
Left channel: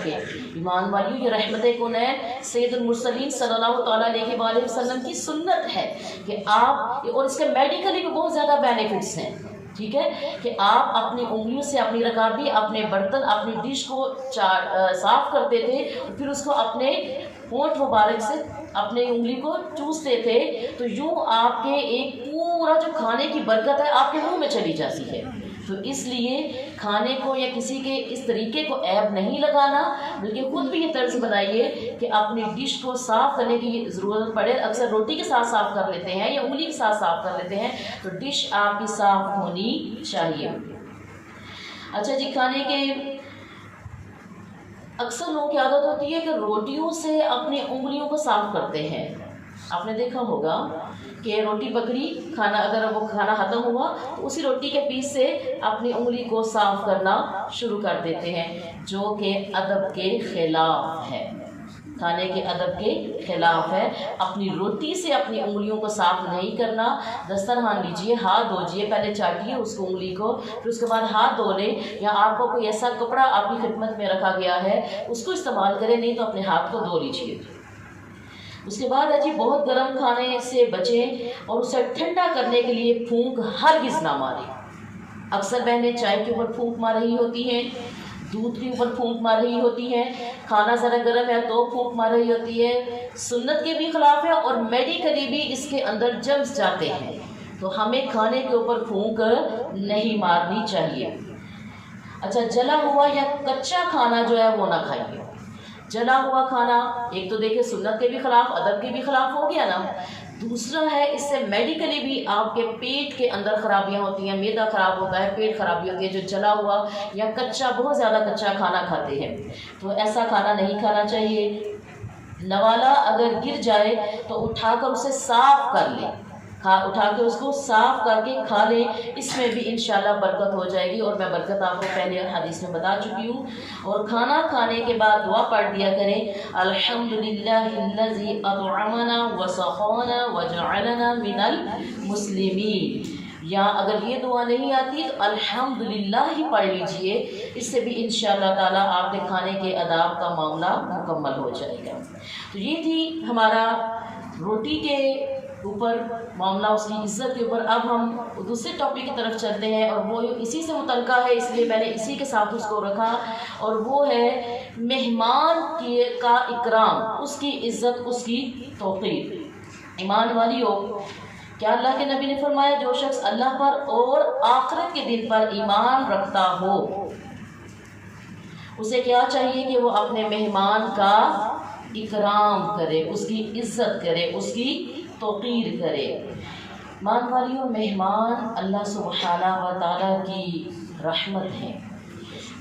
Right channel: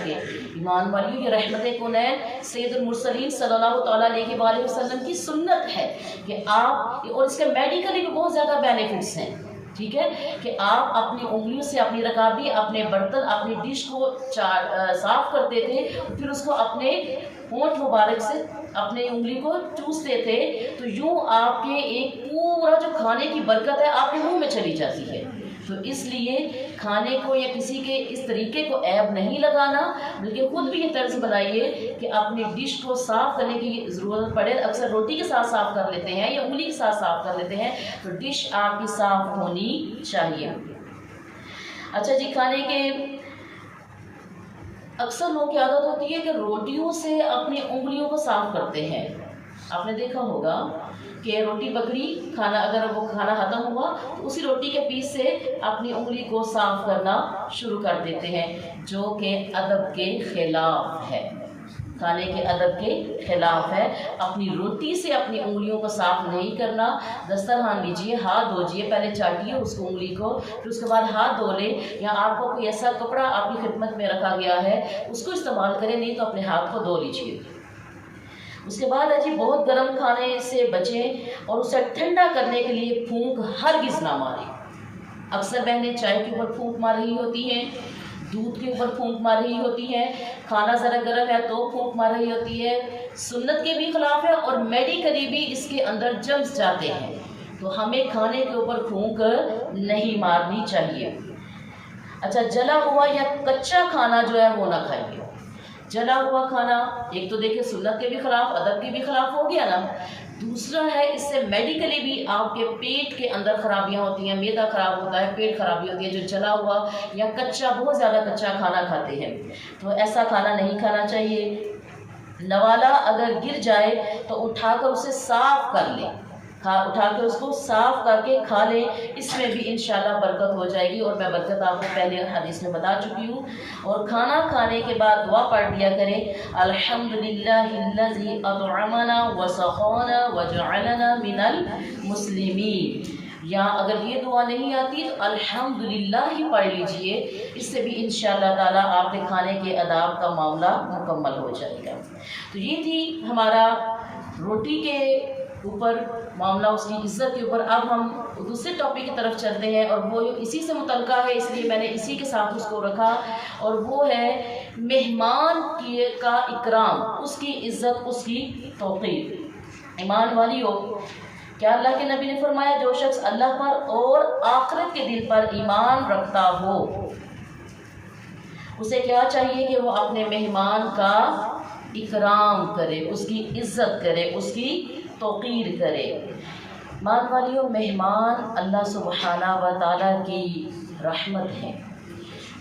کے۔ ایمان والیوں، یہ رحمت کونین سید المرسلین صلی اللہ تعالیٰ علیہ وآلہ وسلم کی سنت ہے کہ آپ، اور اس کے میڈیکلی بھی بہت زیادہ بینیفٹس ہیں، ٹھیک ہے، کہ آپ اپنی انگلیوں سے اپنی رکابی، اپنے برتن، اپنی ڈش کو صاف کرتے تھے، پھر اس کو اپنے ہونٹ مبارک سے اپنے انگلی کو چوستے تھے، تو یوں آپ کے ایک پورا جو کھانے کی برکت ہے آپ کے منہ میں چلی جاتی ہے۔ تو اس لیے کھانے کو یا کسی کے اس طریقے کو عیب نہیں لگانا، بلکہ خود بھی یہ طرز بنائیے کہ اپنی ڈش کو صاف کرنے کی ضرورت پڑے، اکثر روٹی کے ساتھ صاف کر لیتے ہیں یا انگلی کے ساتھ صاف کر لیتے ہیں، تو ڈش آپ کی صاف ہونی چاہیے۔ اچھا جی، کھانے کے اکثر لوگوں کی عادت ہوتی ہے کہ روٹیوں سے اپنی انگلیوں کو صاف کرتے ہیں۔ آپ نے دیکھا ہوگا کہ روٹی پکڑی، کھانا اگر وہ کھانا ختم ہوا تو اسی روٹی کے پیس سے اپنی انگلی کو صاف کرنا شروع کر دیتے ہیں، جو کہ ادب کے خلاف ہے، کھانے کے ادب کے خلاف ہے۔ اپنی روٹی سے اپنی انگلیوں کو صاف نہیں کرنا۔ دسترخوان لیجئے، ہاتھ دھوجئے، پہلے چاٹیے اس کو انگلی کو، پھر اس کے بعد ہاتھ دھو لیں، یا آپ کو کوئی ایسا کپڑا آپ کی خدمت میں رکھا گیا ہے اس کو استعمال کریں، نہیں تو اپنے ہاتھ کو دھو لیجئے۔ اس کے بعد ہے جی، بہت گرم کھانے سے بچیں اور اسے ٹھنڈا کرنے کے لیے پھونک ہرگز نہ ماریں۔ اکثر بہنیں چائے کے اوپر پھونک مار رہی ہوتی ہیں، دودھ کے اوپر پھونک مار رہی ہوتی ہیں، کھانا ذرا گرم ہے تو پھونک مار رہی ہوتی ہے، سنت کے بھی خلاف ہے اور میڈیکلی بھی اس کے اندر جمس جاتے ہیں، تو ہمیں کھانے کے اوپر پھونک نہیں مارنی چاہیے۔ اچھا، جلا ہوا یا کچا کھانا جو ہے وہ نہ کھائیے۔ جلا ہوا کھانا ایک تو دیکھیں سنت کے بھی خلاف، ادب کے بھی خلاف ہو گیا نا، دوسرا ہے اس سے میڈیکلی بھی آپ کے پیٹ کے اندر خرابیاں ہوتی ہیں، معدہ خراب ہوتا ہے، پیٹ خرابی ہوتی ہے جو جلا ہوا یا کچا، بہت زیادہ کچا کھانا کھاتے ہیں، تو ایسا کھانا نہیں کھانا چاہیے۔ نوالا اگر گر جائے تو اٹھا کر اسے صاف کر لیں، اٹھا کے اس کو صاف کر کے کھا لیں، اس میں بھی انشاءاللہ برکت ہو جائے گی، اور میں برکت آپ کو پہلے حدیث میں بتا چکی ہوں۔ اور کھانا کھانے کے بعد دعا پڑھ دیا کریں، الحمدللہ الذی اطعمنا وسقانا وجعلنا من المسلمین، یا اگر یہ دعا نہیں آتی تو الحمدللہ ہی پڑھ لیجئے، اس سے بھی انشاءاللہ تعالیٰ آپ کے کھانے کے آداب کا معاملہ مکمل ہو جائے گا۔ تو یہ تھی ہمارا روٹی کے اوپر معاملہ، اس کی عزت کے اوپر۔ اب ہم دوسرے ٹاپک کی طرف چلتے ہیں، اور وہ اسی سے متعلقہ ہے، اس لیے میں نے اسی کے ساتھ اس کو رکھا، اور وہ ہے مہمان کا اکرام، اس کی عزت، اس کی توقیر۔ ایمان والیوں، کیا اللہ کے نبی نے فرمایا جو شخص اللہ پر اور آخرت کے دن پر ایمان رکھتا ہو، اسے کیا چاہیے کہ وہ اپنے مہمان کا اکرام کرے، اس کی عزت کرے، اس کی توقیر کرے۔ مان والیوں، مہمان اللہ سبحانہ و تعالیٰ کی رحمت ہے۔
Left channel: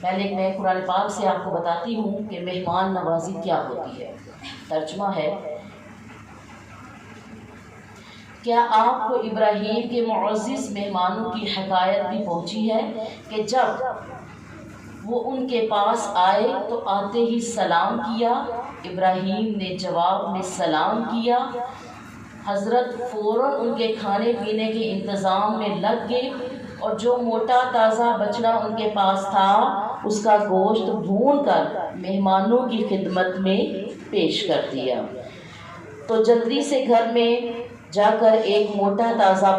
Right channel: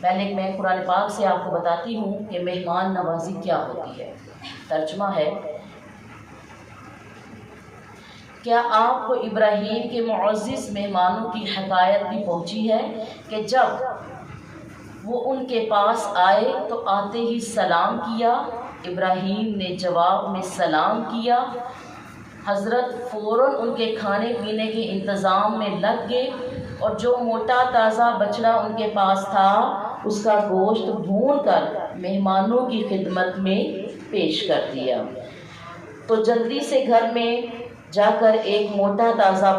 پہلے میں قرآن پاک سے آپ کو بتاتی ہوں کہ مہمان نوازی کیا ہوتی ہے۔ ترجمہ ہے، کیا آپ کو ابراہیم کے معزز مہمانوں کی حکایت بھی پہنچی ہے کہ جب وہ ان کے پاس آئے تو آتے ہی سلام کیا؟ ابراہیم نے جواب میں سلام کیا، حضرت فوراً ان کے کھانے پینے کے انتظام میں لگ گئے، اور جو موٹا تازہ بچڑا ان کے پاس تھا اس کا گوشت بھون کر مہمانوں کی خدمت میں پیش کر دیا۔ تو جلدی سے گھر میں جا کر ایک موٹا تازہ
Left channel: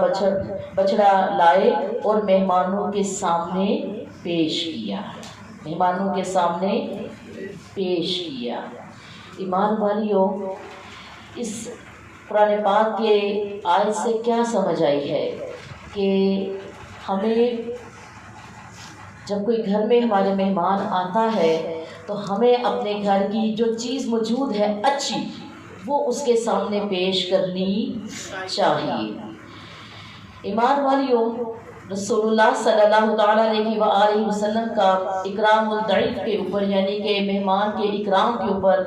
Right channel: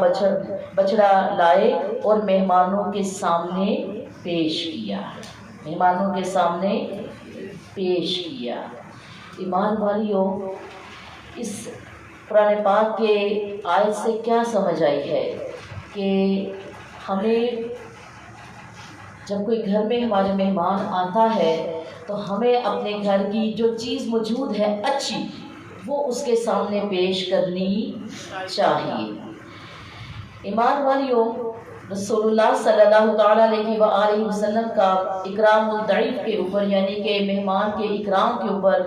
بچڑا لائے اور مہمانوں کے سامنے پیش کیا، مہمانوں کے سامنے پیش کیا۔ ایمان والیوں، اس قرآن پاک کے آیت سے کیا سمجھ آئی ہے کہ ہمیں جب کوئی گھر میں ہمارے مہمان آتا ہے تو ہمیں اپنے گھر کی جو چیز موجود ہے اچھی، وہ اس کے سامنے پیش کرنی چاہیے۔ ایمان والیوں، رسول اللہ صلی اللہ تعالیٰ علیہ وآلہ وسلم کا اکرام الضیف کے اوپر، یعنی کہ مہمان کے اکرام کے اوپر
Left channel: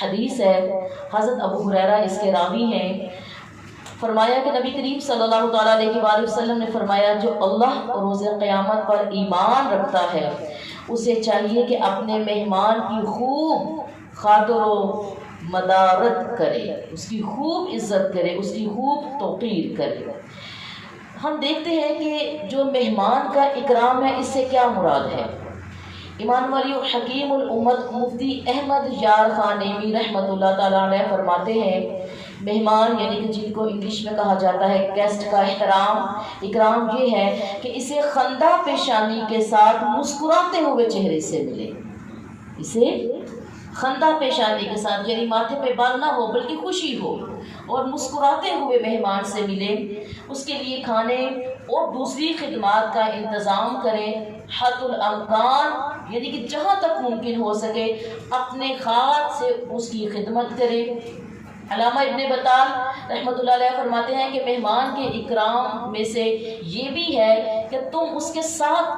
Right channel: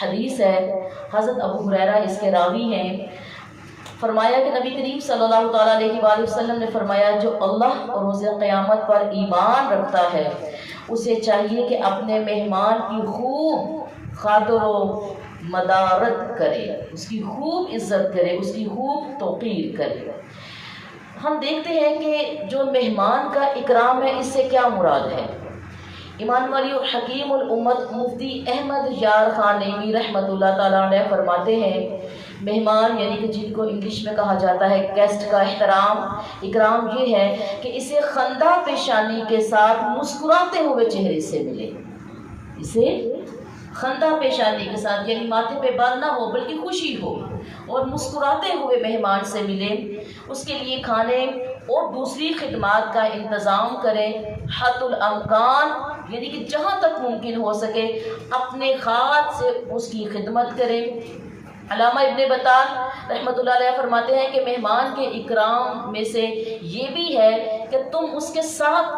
حدیث ہے۔ حضرت ابو ہریرہ اس کے راوی ہیں۔ فرمایا کہ نبی کریم صلی اللہ تعالیٰ علیہ وآلہ وسلم نے فرمایا، جو اللہ اور روز قیامت پر ایمان رکھتا ہے اسے چاہیے کہ اپنے مہمان کی خوب خاطر و مدارت کرے، اس کی خوب عزت کرے، اس کی خوب توقیر کرے۔ ہم دیکھتے ہیں کہ جو مہمان کا اکرام ہے اس سے کیا مراد ہے۔ امام والی حکیم الامت مفتی احمد یار خان نعیمی رحمۃ اللہ تعالیٰ علیہ فرماتے ہیں مہمان یعنی کہ جن کو انگلش میں کہا جاتا ہے گیسٹ کا اکرام یہ ہے کہ اسے خندہ پیشانی کے ساتھ مسکراتے ہوئے چہرے سے ملے، اسے خندہ پیشانی کے ساتھ یعنی ماتھے پہ بال نہ ہو بلکہ خوشی ہو اور مسکراتے ہوئے مہمان سے ملے، اس کے لیے کھانے اور دوسری خدمات کا انتظام کرے، حت الامکان یعنی کہ جہاں تک ممکن ہو سکے اپنے خاص سے اس کی خدمت کرے۔ علامہ ابن بطال رحمۃ اللہ علیہ فرماتے ہیں کہ مہمان کے اکرام میں سے یہ بھی ہے کہ تم اس کے ساتھ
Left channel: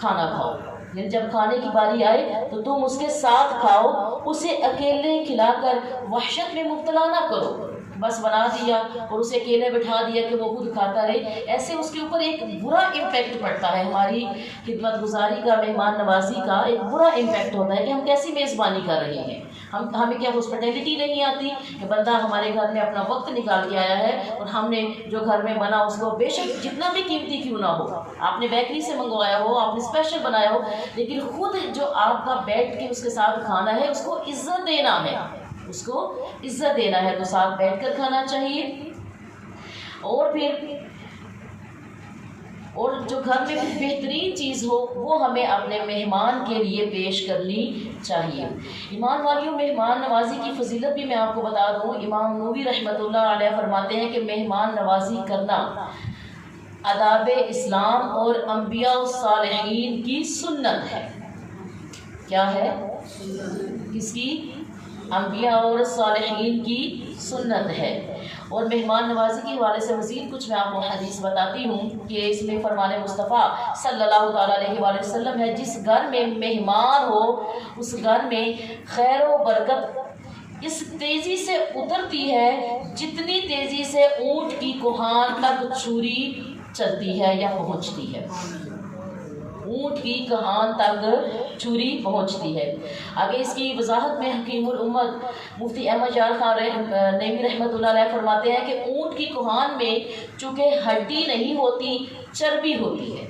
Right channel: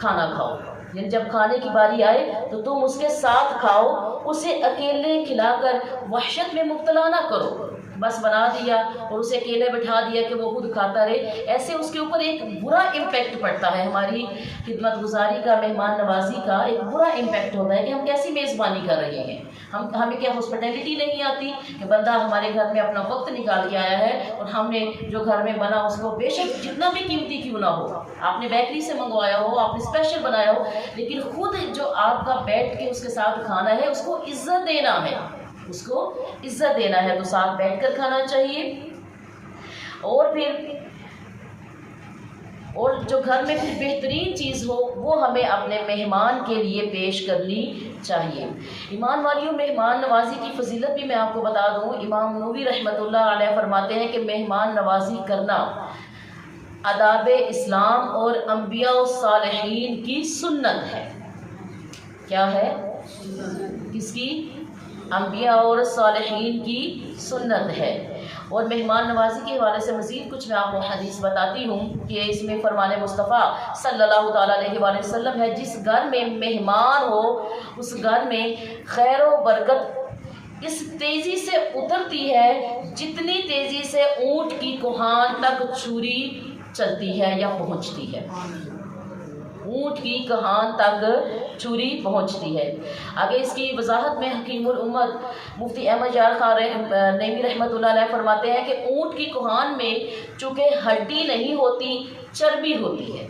کھانا کھاؤ، یعنی جب کھانے کی باری آئے تو تم اس کے ساتھ کھاؤ، اسے اکیلے کھلا کر وحشت میں مبتلا نہ کرو، بس بنا دیا اور اسے اکیلے بٹھا دیا کہ وہ خود کھاتا رہے، ایسے اس کے اوپر ایک برا امپیکٹ پڑتا ہے، ہماری خدمت گزاری کا، مہمان نوازی کا ایک برا امپیکٹ ہوتا ہے کہ ہم کیسی میزبانی کر رہے ہیں، ہمیں کیا ہاسپٹیلٹی نہیں آتی کہ بندہ ہمارے گھر میں اپنا وقت نکال کے آیا ہے اور ہم نے جو گھر میں بنا اس کو بے شک جتنا بھی قیمتی کیوں نہ ہو، آپ نے بیکری سے منگوایا ہو، آپ نے اسپیشل بنایا ہو، لیکن خود جو آپ کا بیٹھ کے اس کے ساتھ کھانا ہے اس کو عزت دینا ہے، اس کو عزت دینا ہے، تو ساتھ بیٹھ کر کھانا چاہیے۔ اور جو گھر میں کوئی بہترین چیز ہو وہ ہمیں اپنے مہمان کے لیے پیش کرنی چاہیے۔ ایمان والیوں، مہمان نوازی کی فضیلت بھی میں آپ کو بتا دوں، امام نووی رحمۃ اللہ علیہ فرماتے ہیں کہ مہمان نوازی کرنا آداب اسلام اور انبیاء و صالحین کی سنت ہے۔ کیا ہے؟ کس کی؟ انبیاء اور صالحین کی سنت ہے۔ اور مہمان نوازی کے حوالے سے مزید کچھ میں آپ کو حدیث بتاتی ہوں کہ اس میں فرمان مصطفیٰ صلی اللہ تعالیٰ علیہ وآلہ وسلم ہے، جس گھر میں مہمان ہو اس گھر میں خیر و برکت اس تیزی سے اترتی ہے جتنی تیزی سے اونٹ کی کوہان تک چھری چلتی ہے یا پہنچتی ہے، اونٹ کی کہان تک چھری پہنچتی ہے۔ آگے اس کی وضاحت میں حکیم الامت مفتی احمد یار خان نعیمی رحمۃ اللہ علیہ فرماتے ہیں کہ اونٹ کی کہان میں چونکہ ہڈی نہیں ہوتی چربی ہوتی ہے،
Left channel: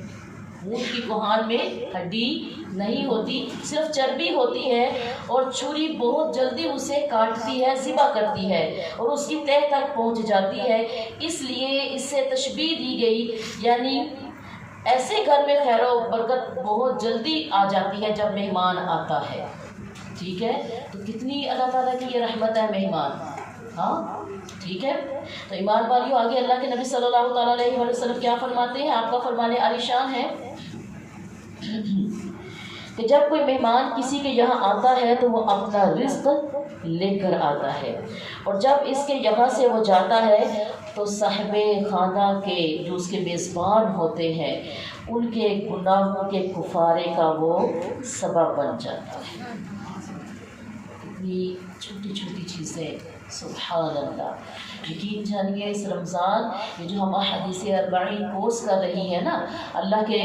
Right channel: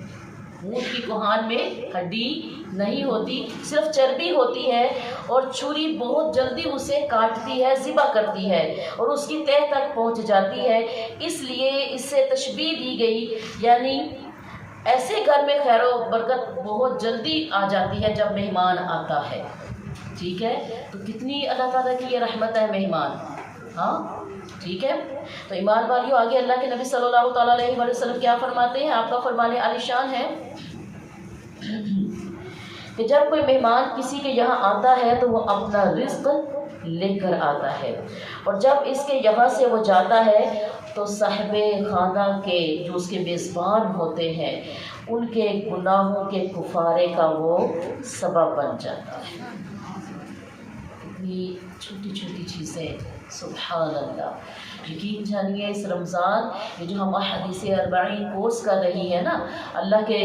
اونٹ کی کہان میں ہڈی نہیں ہوتی صرف چربی ہوتی ہے، اور چھری بہت جلدی اسے کاٹتی ہے، ذبح کرتی ہے اور اس کی تہہ تک پہنچ جاتی ہے، اس لیے اس سے تشبیہ دی گئی، یعنی ایسے گھر میں خیر و برکت بہت جلدی آ جاتی ہے جب مہمان آتا ہے۔ ٹھیک ہے، تو کتنی اللہ تعالیٰ کی یہ رحمت ہے مہمان، ہاں ٹھیک ہے۔ تو ایمان والیوں، آگے اللہ کے نبی صلی اللہ تعالیٰ علیہ وسلم کیا فرماتے ہیں؟ آپ کا فرمان عالی شان ہے کہ جب کوئی مہمان کسی کے یہاں آتا ہے تو وہ اپنا رزق لے کر آتا ہے، اور جب اس کے یہاں سے وہ جاتا ہے تو صاحب خانہ کے جو اس کے میزبان ہوتے ہیں ان کے گناہوں کے کفارے کا وہ سبب بن جاتا ہے۔ اتنی چھوٹی چھوٹی چیزیں، سبحان اللہ۔ یقین جانیے اس رمضان میں جو ہم احادیث 40 کورس کر رہی ہیں نا، اللہ کے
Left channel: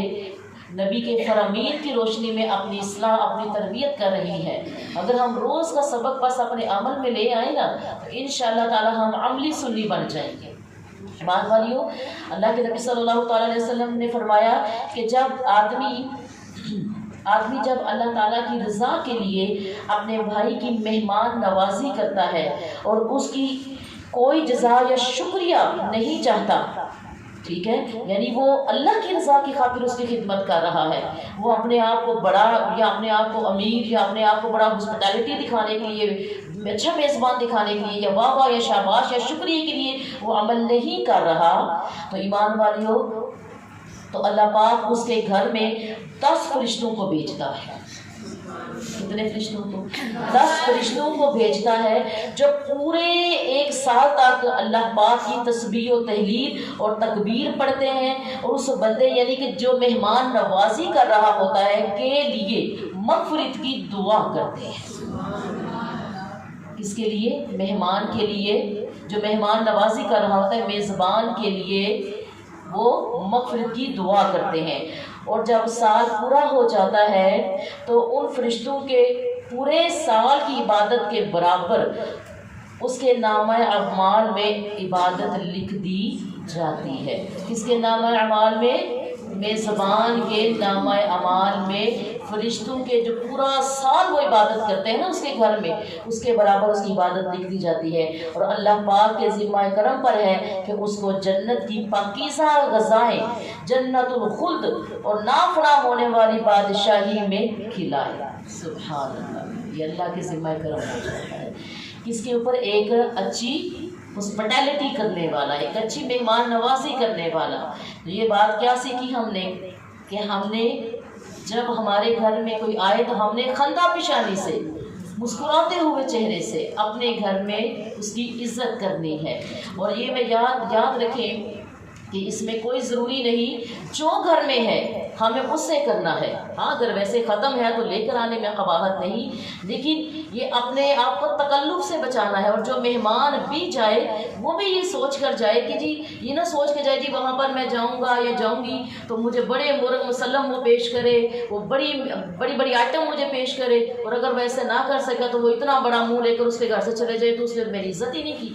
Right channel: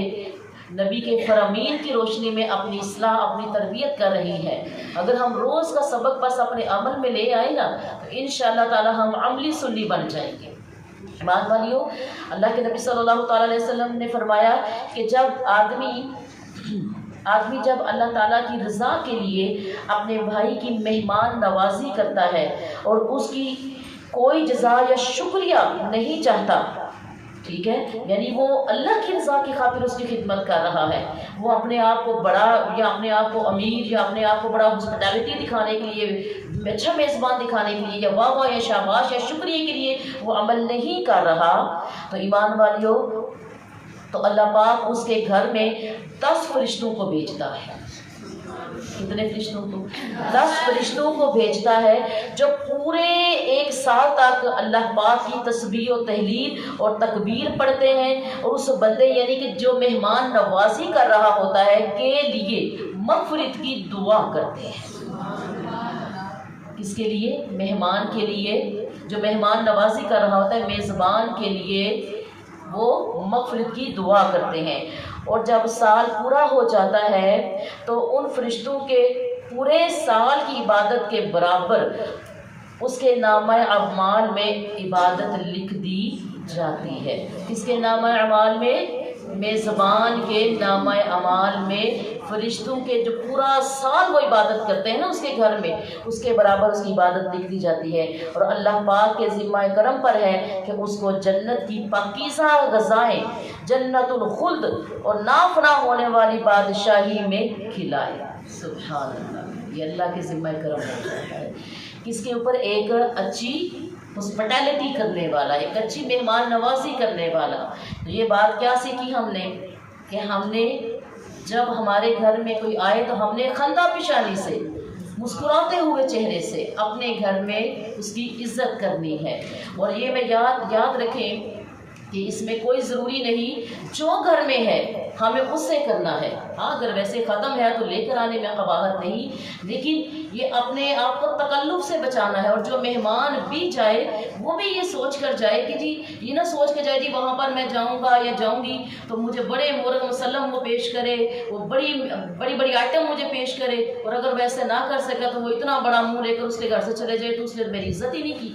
نبی کے فرامین کی روشنی میں اپنی اصلاح، اپنی تربیت کر رہی ہے، اگر ہم روز کا سبق بس اپنے عمل میں لے آئیں نا تو انشاءاللہ تعالی ہم عملی سنی بن جائیں گے۔ ایمان والیوں، اللہ کے نبی صلی اللہ تعالیٰ علیہ وسلم نے فرمایا کہ جب آدمی جب اللہ تعالیٰ کی رضا کے لیے اپنے بھائی کی مہمان نوازی کرتا ہے اور اس کی کوئی جزا یا شکریہ نہیں چاہتا، ٹھیک ہے، یعنی وہ اللہ کی رضا کی خاطر اس کی خدمت کر رہا ہے، وہ اپنے آپ کو بڑا یا اپنے آپ کو امیر یا اپنے آپ کو بڑا ہاسپٹیلٹی دکھانے کے لیے، اچھا میزبان دکھانے کے لیے یا واہ واہ یا شاباش یا شکریہ کے لیے وہ عمل نہیں کر رہا، تو ایمان والیوں، تو اللہ پاک اس کے گھر میں 10 فرشتوں کو بھیجتا ہے۔ کتنے فرشتوں کو؟ 10 فرشتوں کو بھیجتا ہے جو پورے 1 سال تک اللہ پاک کی تسبیح و تحلیل اور تکبیر پڑھتے ہیں، اور اس بندے یعنی کہ جو مہمان نوازی کر رہا ہوتا ہے کے لیے مغفرت کی دعا کرتے ہیں۔ کس کے لیے؟ مہمان کے لیے، جو مہمان نوازی کر رہا ہوتا ہے میزبان کے لیے وہ مغفرت کی دعا کرتے ہیں، اور جب سال پورا ہو جاتا ہے تو ان فرشتوں کے پورے سال کی عبادت کے برابر اس کے نامہ اعمال میں عبادت لکھ دی جاتی ہے۔ کس کے نامہ اعمال میں؟ میزبان کے نامہ اعمال میں فرشتوں کے جو پورا سال وہ عبادت کرتے ہیں نا اس کے گھر میں، اس کے برابر اس کی عبادت لکھ دی جاتی ہے، اور اللہ پاک کے ذمہ کرم پر ہے کہ اس کو جنت کی پاکیزہ غذائیں، جنت الخلد اور نافنا ہونے والی بادشاہی میں کھلائے۔ سبحان اللہ، یہ اللہ کے ذمہ کرم ہوتا ہے۔ کس کے اوپر؟ ایک اچھی ہاسپٹیلٹی کرنے والا، ایک اچھی مہمان نوازی کرنے والا۔ تو یہ بات کیا سیکھی ہم نے کہ ہم نے جب ہمارے گھر میں کوئی آئے تو ہم نے خندہ پیشانی سے، مسکراتے ہوئے چہرے سے اپنے گھر میں اس کی عزت کرنی ہے۔ اور یہ میں یاد رکھیں کہ اس میں کوئی ضروری نہیں جو گھر میں ہے ہمیں اس سے کرنا ہے۔ ہاں اگر ویسے ختم ہے تو لے کر آنے میں قباحت نہیں، لیکن یہ اپنے آپ کو تکلف سے بچانا ہے۔ اور جو مہمان بھی جائے وہ بھی یہ سوچ کر جائے کہ جی، یہ نہ سوچ کے جائے جی وہاں پر میں جاؤں گا یا جاؤں گی تو مجھے بڑے مورد مسلم وہ پیش کرے، وہ بڑی آئٹم مجھے پیش کرے، اور اگر ویسے نہ کر سکا تو وہ اتنا بڑا منہ لے کر اس کے گھر سے چلے جائے تو اس نے میری عزت ہی نہیں کی۔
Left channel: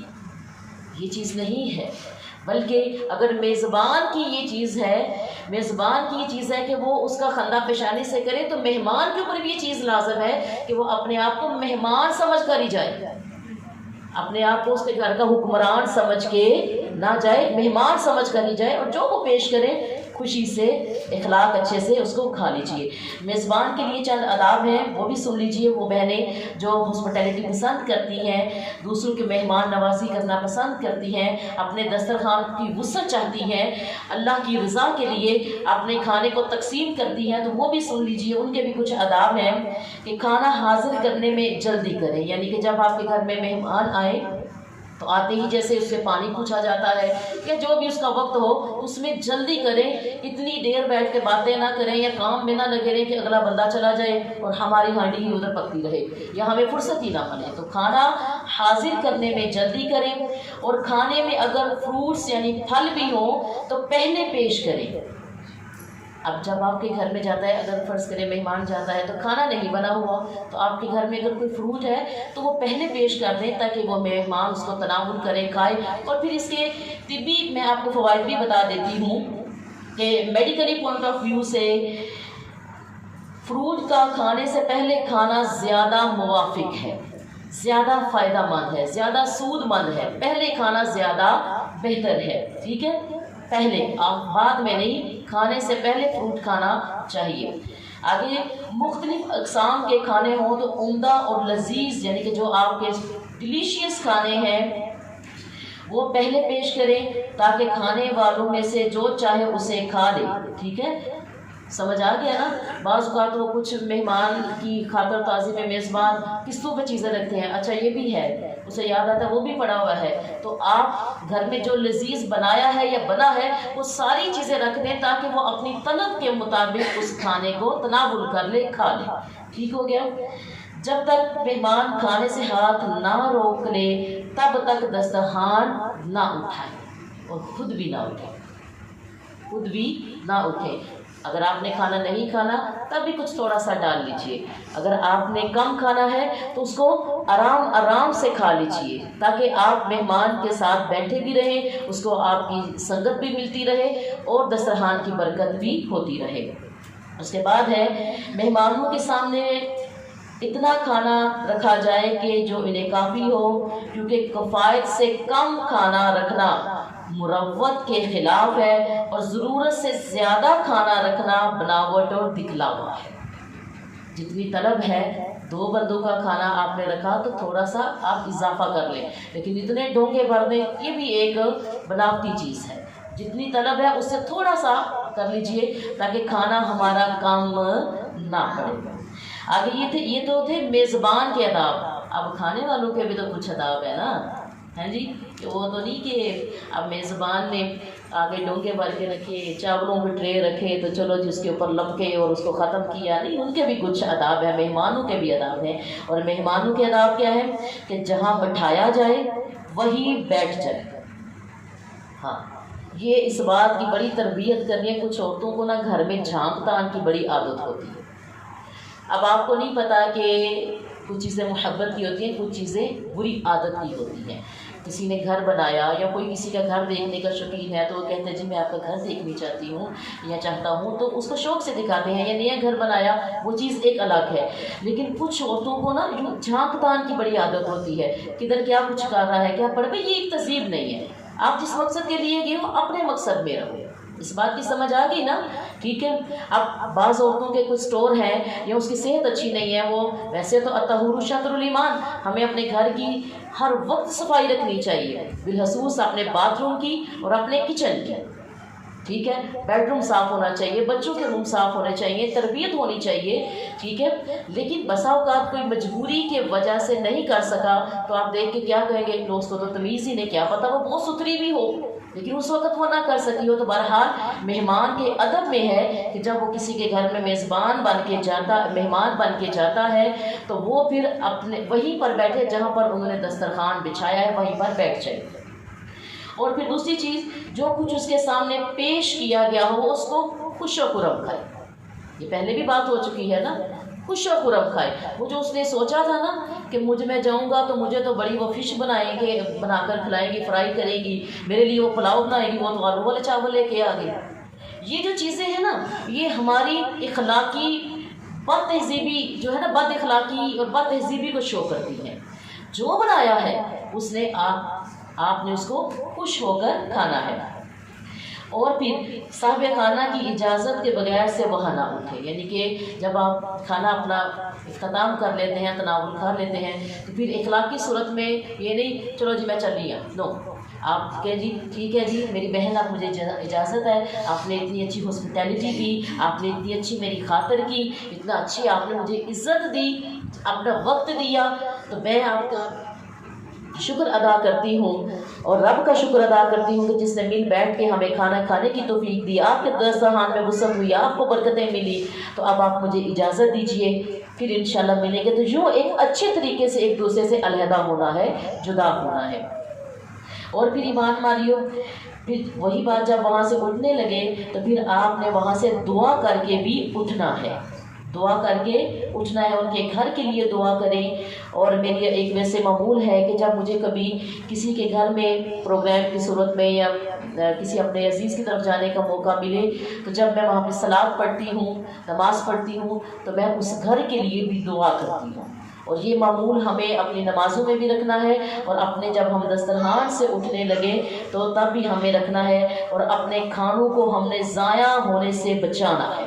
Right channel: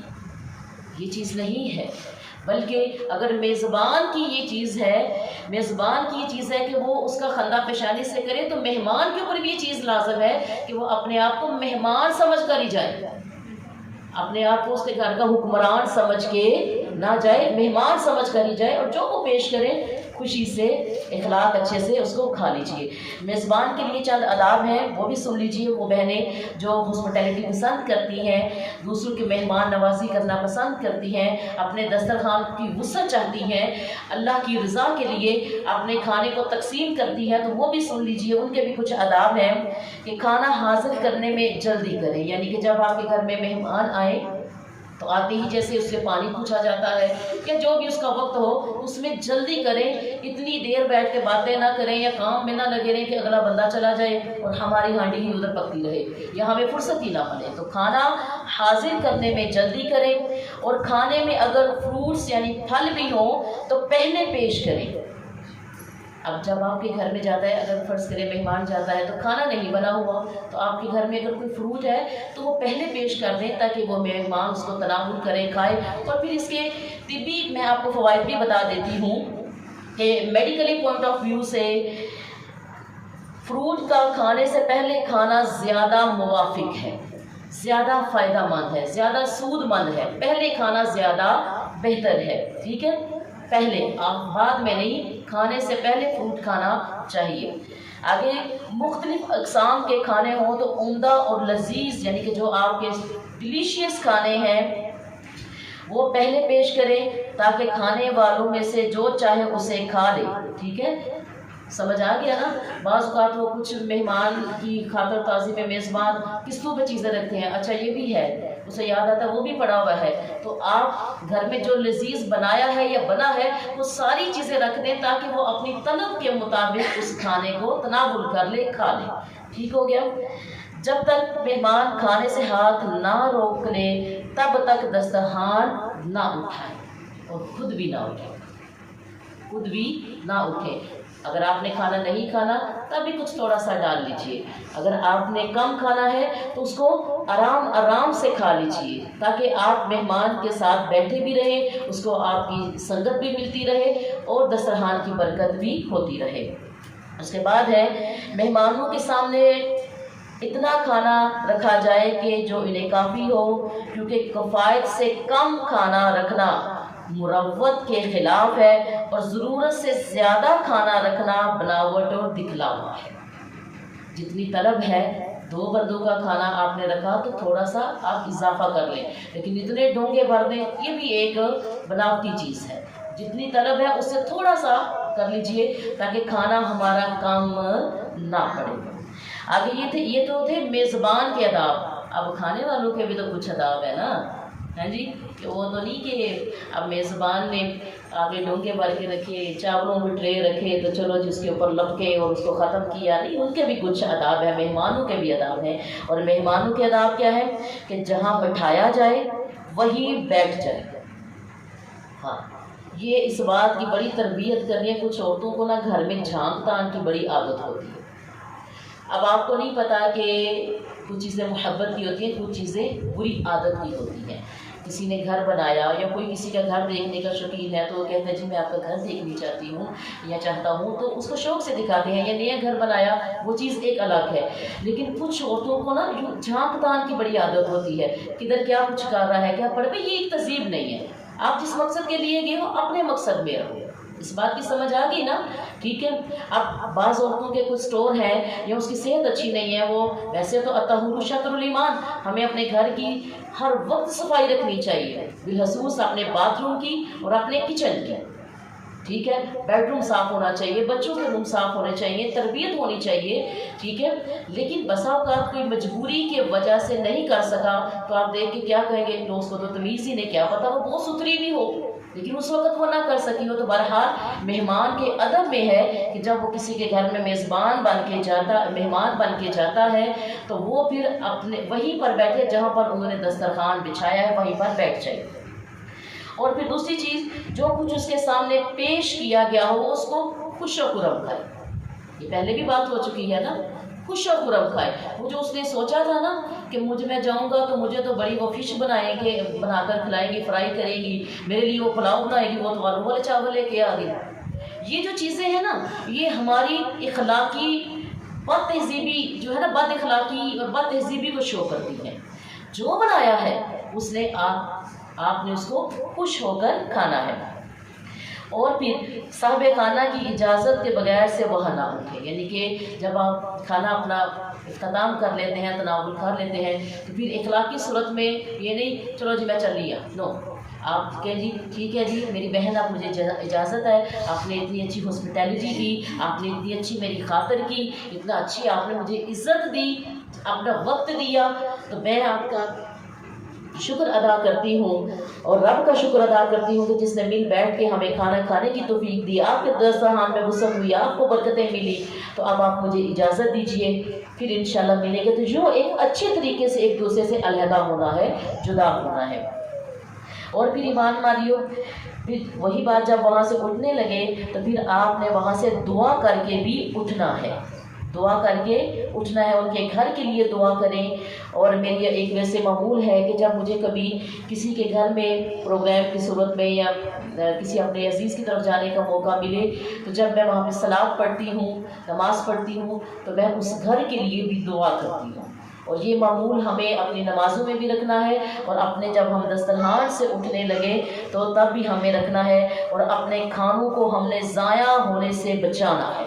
یہ چیز نہیں ہے، بلکہ اگر میزبان کی یہ چیز ہے کہ وہ اس کا خندہ پیشانی سے کرے، تو مہمان کے اوپر بھی یہ چیز لازم ہے کہ وہ اپنے آپ کو مہمان سمجھ کر ہی جائے، اپنے آپ کو اس کے گھر کا حکمران سمجھ کے نہ جائے، مہمان سمجھ کر ہی جائے، اور جو وہ پیش کرے خوشی سے، اخلاق اچھے سے اس کو کھا لیجیے۔ میزبان کے لیے چند آداب ہیں، وہ بھی سن لیجیے۔ وہ بہنیں جو ہاسپٹیلٹی پسند کرتی ہیں، دوسروں کی مہمان نوازی کرنا پسند کرتی ہیں، اپنے دسترخوان کی وسعت چاہتی ہیں، اللہ کی رضا کے لیے اپنے کھانے کو تقسیم کرتی ہیں، تو وہ بھی سن لیجیے۔ ان کے بھی کچھ آداب ہیں کہ کھانا حاضر کرنے میں جلدی کریں، یعنی کہ جب آپ کے گھر میں مہمان آئے تو آتے ہی جیسے اس سے پانی پوچھا جاتا ہے یا جو بھی اس کا وقت ہو اس میں جلدی کریں، اتنی دیر بیٹھ کے باتیں نہ کریں یا کام میں نہ لگے رہیں کہ اگلا بندہ چلا جائے اور ہماری ہانڈی ہی ادھر پکتی رہے یا ہمیں فرصت ہی نہ ملے۔ تو کھانا حاضر کرنے میں جلدی کریں، اور کھانے میں اگر فروٹس یعنی پھل بھی ہوں تو پہلے پیش کریں۔ اب جب آپ کے گھر میں جاتا ہے، اگر فرض کرے مہمان جاتا ہے تو کھانا نہیں بنا ہوا، تو آپ کے گھر میں اگر کوئی فروٹ ہے تو وہ پہلے پیش کر دیں تاکہ وہ مہمان اس کو تناول کرے، کھائے۔ اور پھر اس کے طبی میں آپ کو فوائد بھی بتا دیتی ہوں کہ میڈیکلی پوائنٹ آف ویو سے فروٹ کا کھانے سے پہلے کھانا زیادہ موافق ہے، زیادہ فائدہ مند ہے، زیادہ سود مند ہے۔ پہلے کھانا زیادہ بہتر ہے، ٹھیک ہے؟ پہلے، بعد میں نہیں، کھانے سے پہلے فروٹ کھانا چاہیے۔ آگے مختلف اقسام کے کھانے ہوں تو عمدہ اور لذیذ، یعنی کہ جو آپ کے ڈیلیشیس کھانے ہیں وہ پہلے پیش کریں تاکہ کھانے والوں میں سے جو چاہے اسے کھا لے، ٹھیک ہے؟ سمجھ آ گیا نا؟ بعض اوقات وہ کچھ مہمان کی خاطر تازی میں میزبان قسطوں پہ چیزیں رکھتے ہیں، اچھا یہ بھی ہے، اسے یاد آتا ہے وہ بھی پڑا ہوا ہے، تو آپ گھر میں جو لذیذ بنایا ہے یا بنا ہے وہ ساری چیزیں رکھ دیں تاکہ وہ اپنی طلب کے مطابق اس کھانے کو تناول کر لے، کھا لے، ٹھیک ہو گیا؟ جب تک مہمان کھانے سے ہاتھ نہ روک لے تب تک دسترخوان نہ اٹھائے، اور خود بھی نہ اٹھے۔ اگر آپ نے کھانا نہیں کھانا تب بھی کچھ تھوڑا سا ڈال لیجئے، اگر آپ نے کم کھانا ہے تو اس کو آرام سے کھا لیجئے تاکہ آپ مہمان کے ساتھ بیٹھے بھی رہیں، اس کو آپ کی سنگت بھی ملتی رہے اور دسترخوان کی برکت بھی ہوتی رہے۔ اس کے بعد ہے مہمانوں کے سامنے اتنا کھانا رکھا جائے کہ جو انہیں کافی ہو، کیونکہ کفایت سے کم کھانا رکھنا مروت کے خلاف ہے اور ضرورت سے زیادہ کھانا رکھنا بناوٹ اور دکھلاوا ہے۔ جتنی طلب ہے، 2 بندوں کا کھانا آپ نے رکھا تو تھوڑا سا آپ اضافہ کر لیں، لیکن اتنے ڈونگے بھر دیں یہ بھی ایک بناوٹی چیز ہے۔ جتنی طلب ہے اس سے تھوڑا سا کر لیجئے تاکہ کھانا ہمارا کم نہ پڑے۔ آگے یہ تو تھے میزبان کے آداب، اب کھانے والوں کے بھی تو کچھ آداب ہے نا، ہیں جی؟ وہ تو نہیں کہ اب میزبان نے آگے ڈونگے بھر کے رکھے، چاولوں کے ٹرے رکھے تو چلو جس کے اوپر لپکے اور اس کو ختم کیا، نہیں، ان کے بھی کچھ آداب ہیں، مہمانوں کے بھی آداب ہیں۔ اور مہمانوں کے آداب کیا ہے کہ جہاں بٹھایا جائے وہی بیٹھ جائے۔ ہاں، یہ اس بات کی بڑی تربیت کرنی ہے، کچھ عورتوں کو نا گھر میں جھانک تان کی بڑی عادت ہوتی ہے۔ اب آپ کو نہیں پتا کہ کچھ چیزیں محبت کی ہوتی ہیں، کچھ چیزیں بری عادت کی ہوتی ہیں، کسی نے گھر بنایا یا کوئی کسی کا گھر دیکھنے کا شوقین ہے تو وہ کہتے ہیں جی میں آپ کا گھر دیکھنی چاہتی ہوں یا چاہتا ہوں، تو اس کو شوق سے دکھاتے ہیں، یا نیا گھر بنایا، وہ چیز ایک الگ ہے۔ لیکن کچھ عورتوں کو نا جھانک تان کی بڑی عادت ہوتی ہے، کدھر کیا کچھ کر رہا ہے، کیا پڑھ، یہ ایک تہذیب نہیں ہے۔ آپ جس مقصد کے لیے گئے ہو اپنے مقصد میں رہو، اس بات کی سمجھ آ گئی نا؟ ٹھیک ہے۔ اب بعض عورتوں کے کچھ سٹور ہیں یا اس کی صحت اچھی نہیں ہے، وہ ویسے تو الطہور شطر الایمان، ہمیں اپنے گھر کی ہر وقت صفائی رکھنی چاہیے، بالخصوص اپنے باتھ روم کی اور اپنے کچن کی، ٹھیک ہے۔ بیڈ روم صاف ہونا چاہیے، بچوں کے روم صاف ہونے چاہیے، تربیت ہونی چاہیے، ٹھیک ہے۔ لیکن بسا اوقات کوئی مجبوری کے وجہ سے نہیں کر سکا تو آپ دیکھ کے کیا کہیں گے، دوست کو تو تمیز ہی نہیں، کیا پتہ وہ بہت ستھری بھی ہو لیکن اس وقت وہ نہ کر سکی ہو۔ تو بہرحال مہمان کے ادب میں ہے کہ جب وہ کسی کے گھر میں میزبان بن کے جاتا، مہمان بن کے جاتا ہے تو وہ پھر اپنے وہیں پر بیٹھے جہاں پر انہوں نے دسترخوان بچھایا ہے، وہیں پر بیٹھ جائے۔ اور پھر دوسری چیز، جو کچھ اس کے سامنے پیش کیا گیا ہو اس کو خوش و خرم کھائے۔ یہ پہلے بھی بات ہو چکی ہے نا، خوش و خرم کھائے۔ وہ جو اس نے سوچا تھا نا کہ میں جاؤں گا تو مجھے تو بڑی وہ فش بنائیں گے، بنا کر کھلائیں گی، فرائی کریں گی، میرے لیے وہ پلاؤ بنائیں گی، وہ تو آلو والے چاول لے کے آ گئی۔ یہ جو چیزیں ہیں نا، یہ ہماری اخلاقی بد تہذیبی جو ہے نا، بد اخلاقی اور بد تہذیبی کو شو کرتی ہے۔ جو بنایا ہے اس نے آپ نے اس کو خوش ہو کر کھانا ہے۔ اور پھر صاحب خانہ کی اجازت کے بغیر سے وہ نہ اٹھے، یعنی کہ جب آپ کھانا اپنا اختتام کر لیتے ہیں، تناول کر لیتے ہیں، تو پھر اخلاقی صورت میں یہ نہیں چلو جی میں چل لیا، نو، آپ کہے جی ٹھیک ہے جی میری بہن آپ مجھے اجازت ہے، آپ نے اتنی اچھی ہاسپٹیلٹی کی، آپ نے اتنی اچھی میری خاطر کی، اتنا اچھی آپ نے مجھے عزت دی، اپنا وقت دیا، تو میں آپ کا شکر ادا کرتی ہوں اور رب کا شکر ادا کرتی ہوں کہ جس نے مل بیٹھ کے ہمیں کھانا کھانے کی توفیق دی، آپ کے دسترخوان میں وسعت ہوئی، آپ کو برکتیں ملی، تو اب آپ مجھے اجازت دیجئے، پھر انشاءاللہ ملیں گے۔ تو یوں ایک اچھے طریقے سے ایک دوسرے سے علیحدہ ہونا ہے، جدا ہونا ہے۔ اور پھر ایمان مالیو، پھر وہی بات جب وہاں سے اٹھنے لگے تو پھر آپ نے وہاں سے دعا کر کے بھی اٹھنا ہے، دعا کر کے اٹھنا ہے، ان کے گھر کے لیے دعا کریں۔ اور میری ایک ویسے معمول ہے کہ جب مجھے کبھی کسی کے گھر میں پروگرام کی صورت میں یا کسی اپنے عزیز کی طرف جانے کا موقع ملے تو جب میں وہاں پہ صلاۃ پڑھتی ہوں، نماز پڑھتی ہوں، تو میں اس گھر کے لیے بھی دعا کرتی ہوں۔ اور یہ معمول ہمیں اپنی نمازوں میں بھی رکھنا ہے، اور اپنے جب ہم دسترخوان سے اٹھنے لگے تو تب بھی ہمیں رکھنا ہے، اور اپنے کھانوں کو ہم نے ضائع ہونے سے بچانا ہے۔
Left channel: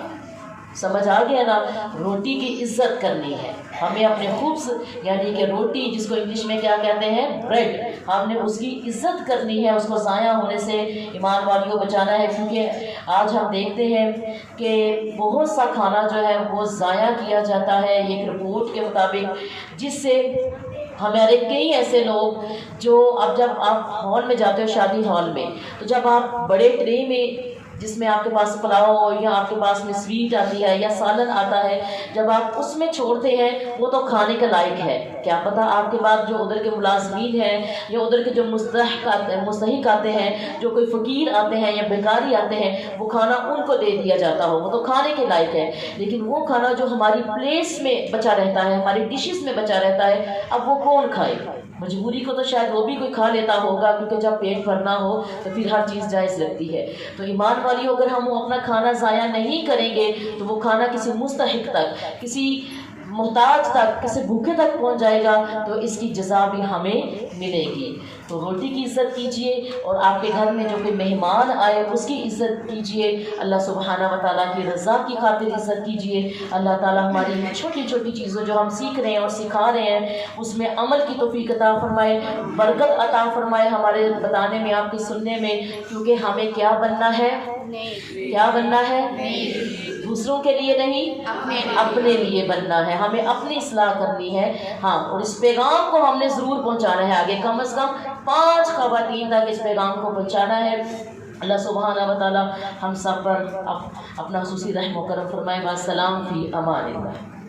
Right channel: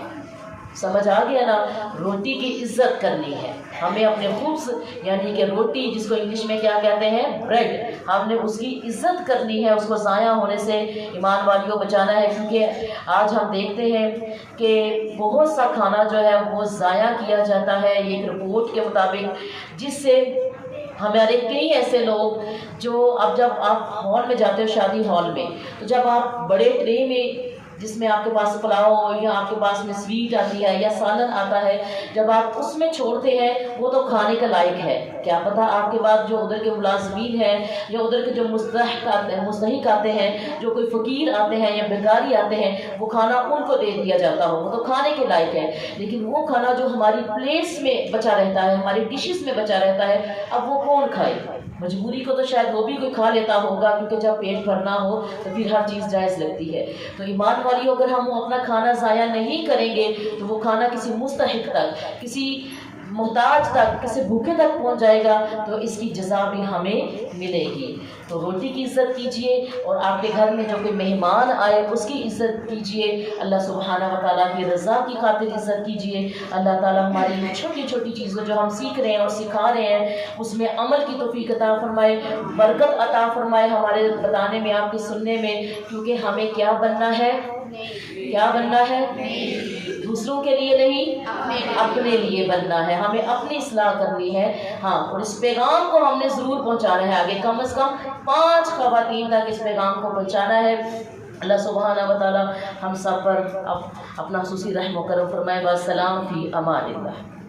سمجھ آ گیا نا؟ روٹی کی عزت کرنی ہے ہمیں، اپنے خبز یعنی کہ روٹی جس کو انگلش میں کیا کہتے ہیں، بریڈ، ہم نے اس کی عزت کرنی ہے، اس کو ضائع ہونے سے ایمان والیوں بچانا ہے۔ کیونکہ آج ہم دیکھتے ہیں کہ بہت سا کھانا جو ہے وہ ضائع کیا جاتا ہے، ایک رپورٹ کے مطابق، جس سے ہمارے کئی ایسے لوگ جو اب جب آپ ہال میں جاتے ہو، شادی ہال میں، تو جب آپ بڑے ٹرے میں جس میں آپ کے پاس پلاؤ ہو یا آپ کے پاس میں سویٹ آتی ہے یا سالن آتا ہے، جب آپ اس میں چھوڑتے ہیں وہ تو کھانے کے لائق ہے، کیا پتہ آپ کے بعد جو ادھر کے ملازمین ہیں یا ادھر کے جو مستحق آتے ہیں، جو کوئی فقیر آتے ہیں یا بیکاری آتے ہیں، وہ کھانا ان کو دے دیا جاتا ہو، وہ تو کھانے کے لائق ہے۔ لیکن وہ کھانا جو ہماری پلیٹس میں بچا رہتا ہے، ہماری ڈشز میں بچا رہتا ہے، اب وہ کون کھائے؟ مجبوری کو تو شاید وہ بھی کوئی کھا لیتا ہوگا، کیونکہ جب پیٹ بھرنا ہو تو پھر ہر چیز جائز لگتی ہے۔ تو ایمان والیوں، اگر ہم اپنا کھانا ضائع نہیں کریں گے تو وہ کھانا کسی مستحق تک، کسی محتاج تک، کسی بھوکے تک پہنچ جائے گا، تو اس کی جزا بھی ہمیں ملے گی۔ تو روٹی کی عزت کیجئے، اور آپ کے گھر میں جو کوئی مہمان آئے اس کی عزت کیجئے، اللہ سبحانہ و تعالیٰ کی رضا کی خاطر عزت کیجئے۔ اللہ تعالیٰ ہماری چھوٹی چھوٹی چیزوں جو ہم سیکھ رہے ہیں اور سکھا رہے ہیں اس میں عمل کی توفیق عطا فرمائے، برکت عطا فرمائے ہمارے بتانے میں، آپ کی سننے میں، کیونکہ ہمیں کیا بننا ہے؟ کیا بننا ہے؟ دوسروں کے لیے نہیں، اپنے لیے بننا ہے، ہمیں اپنی اصلاح کرنی ہے۔ ہاں، اور اس پیغام کو ہم نے ضرور پہنچانا ہے آگے، کم از کم 5 خواتین تک اس پیغام کو پہنچانا ہے۔ اللہ سبحانہ و تعالی ہم سب پر اپنا خصوصی رحم و کرم فرمائے۔ والسلام فی امان اللہ۔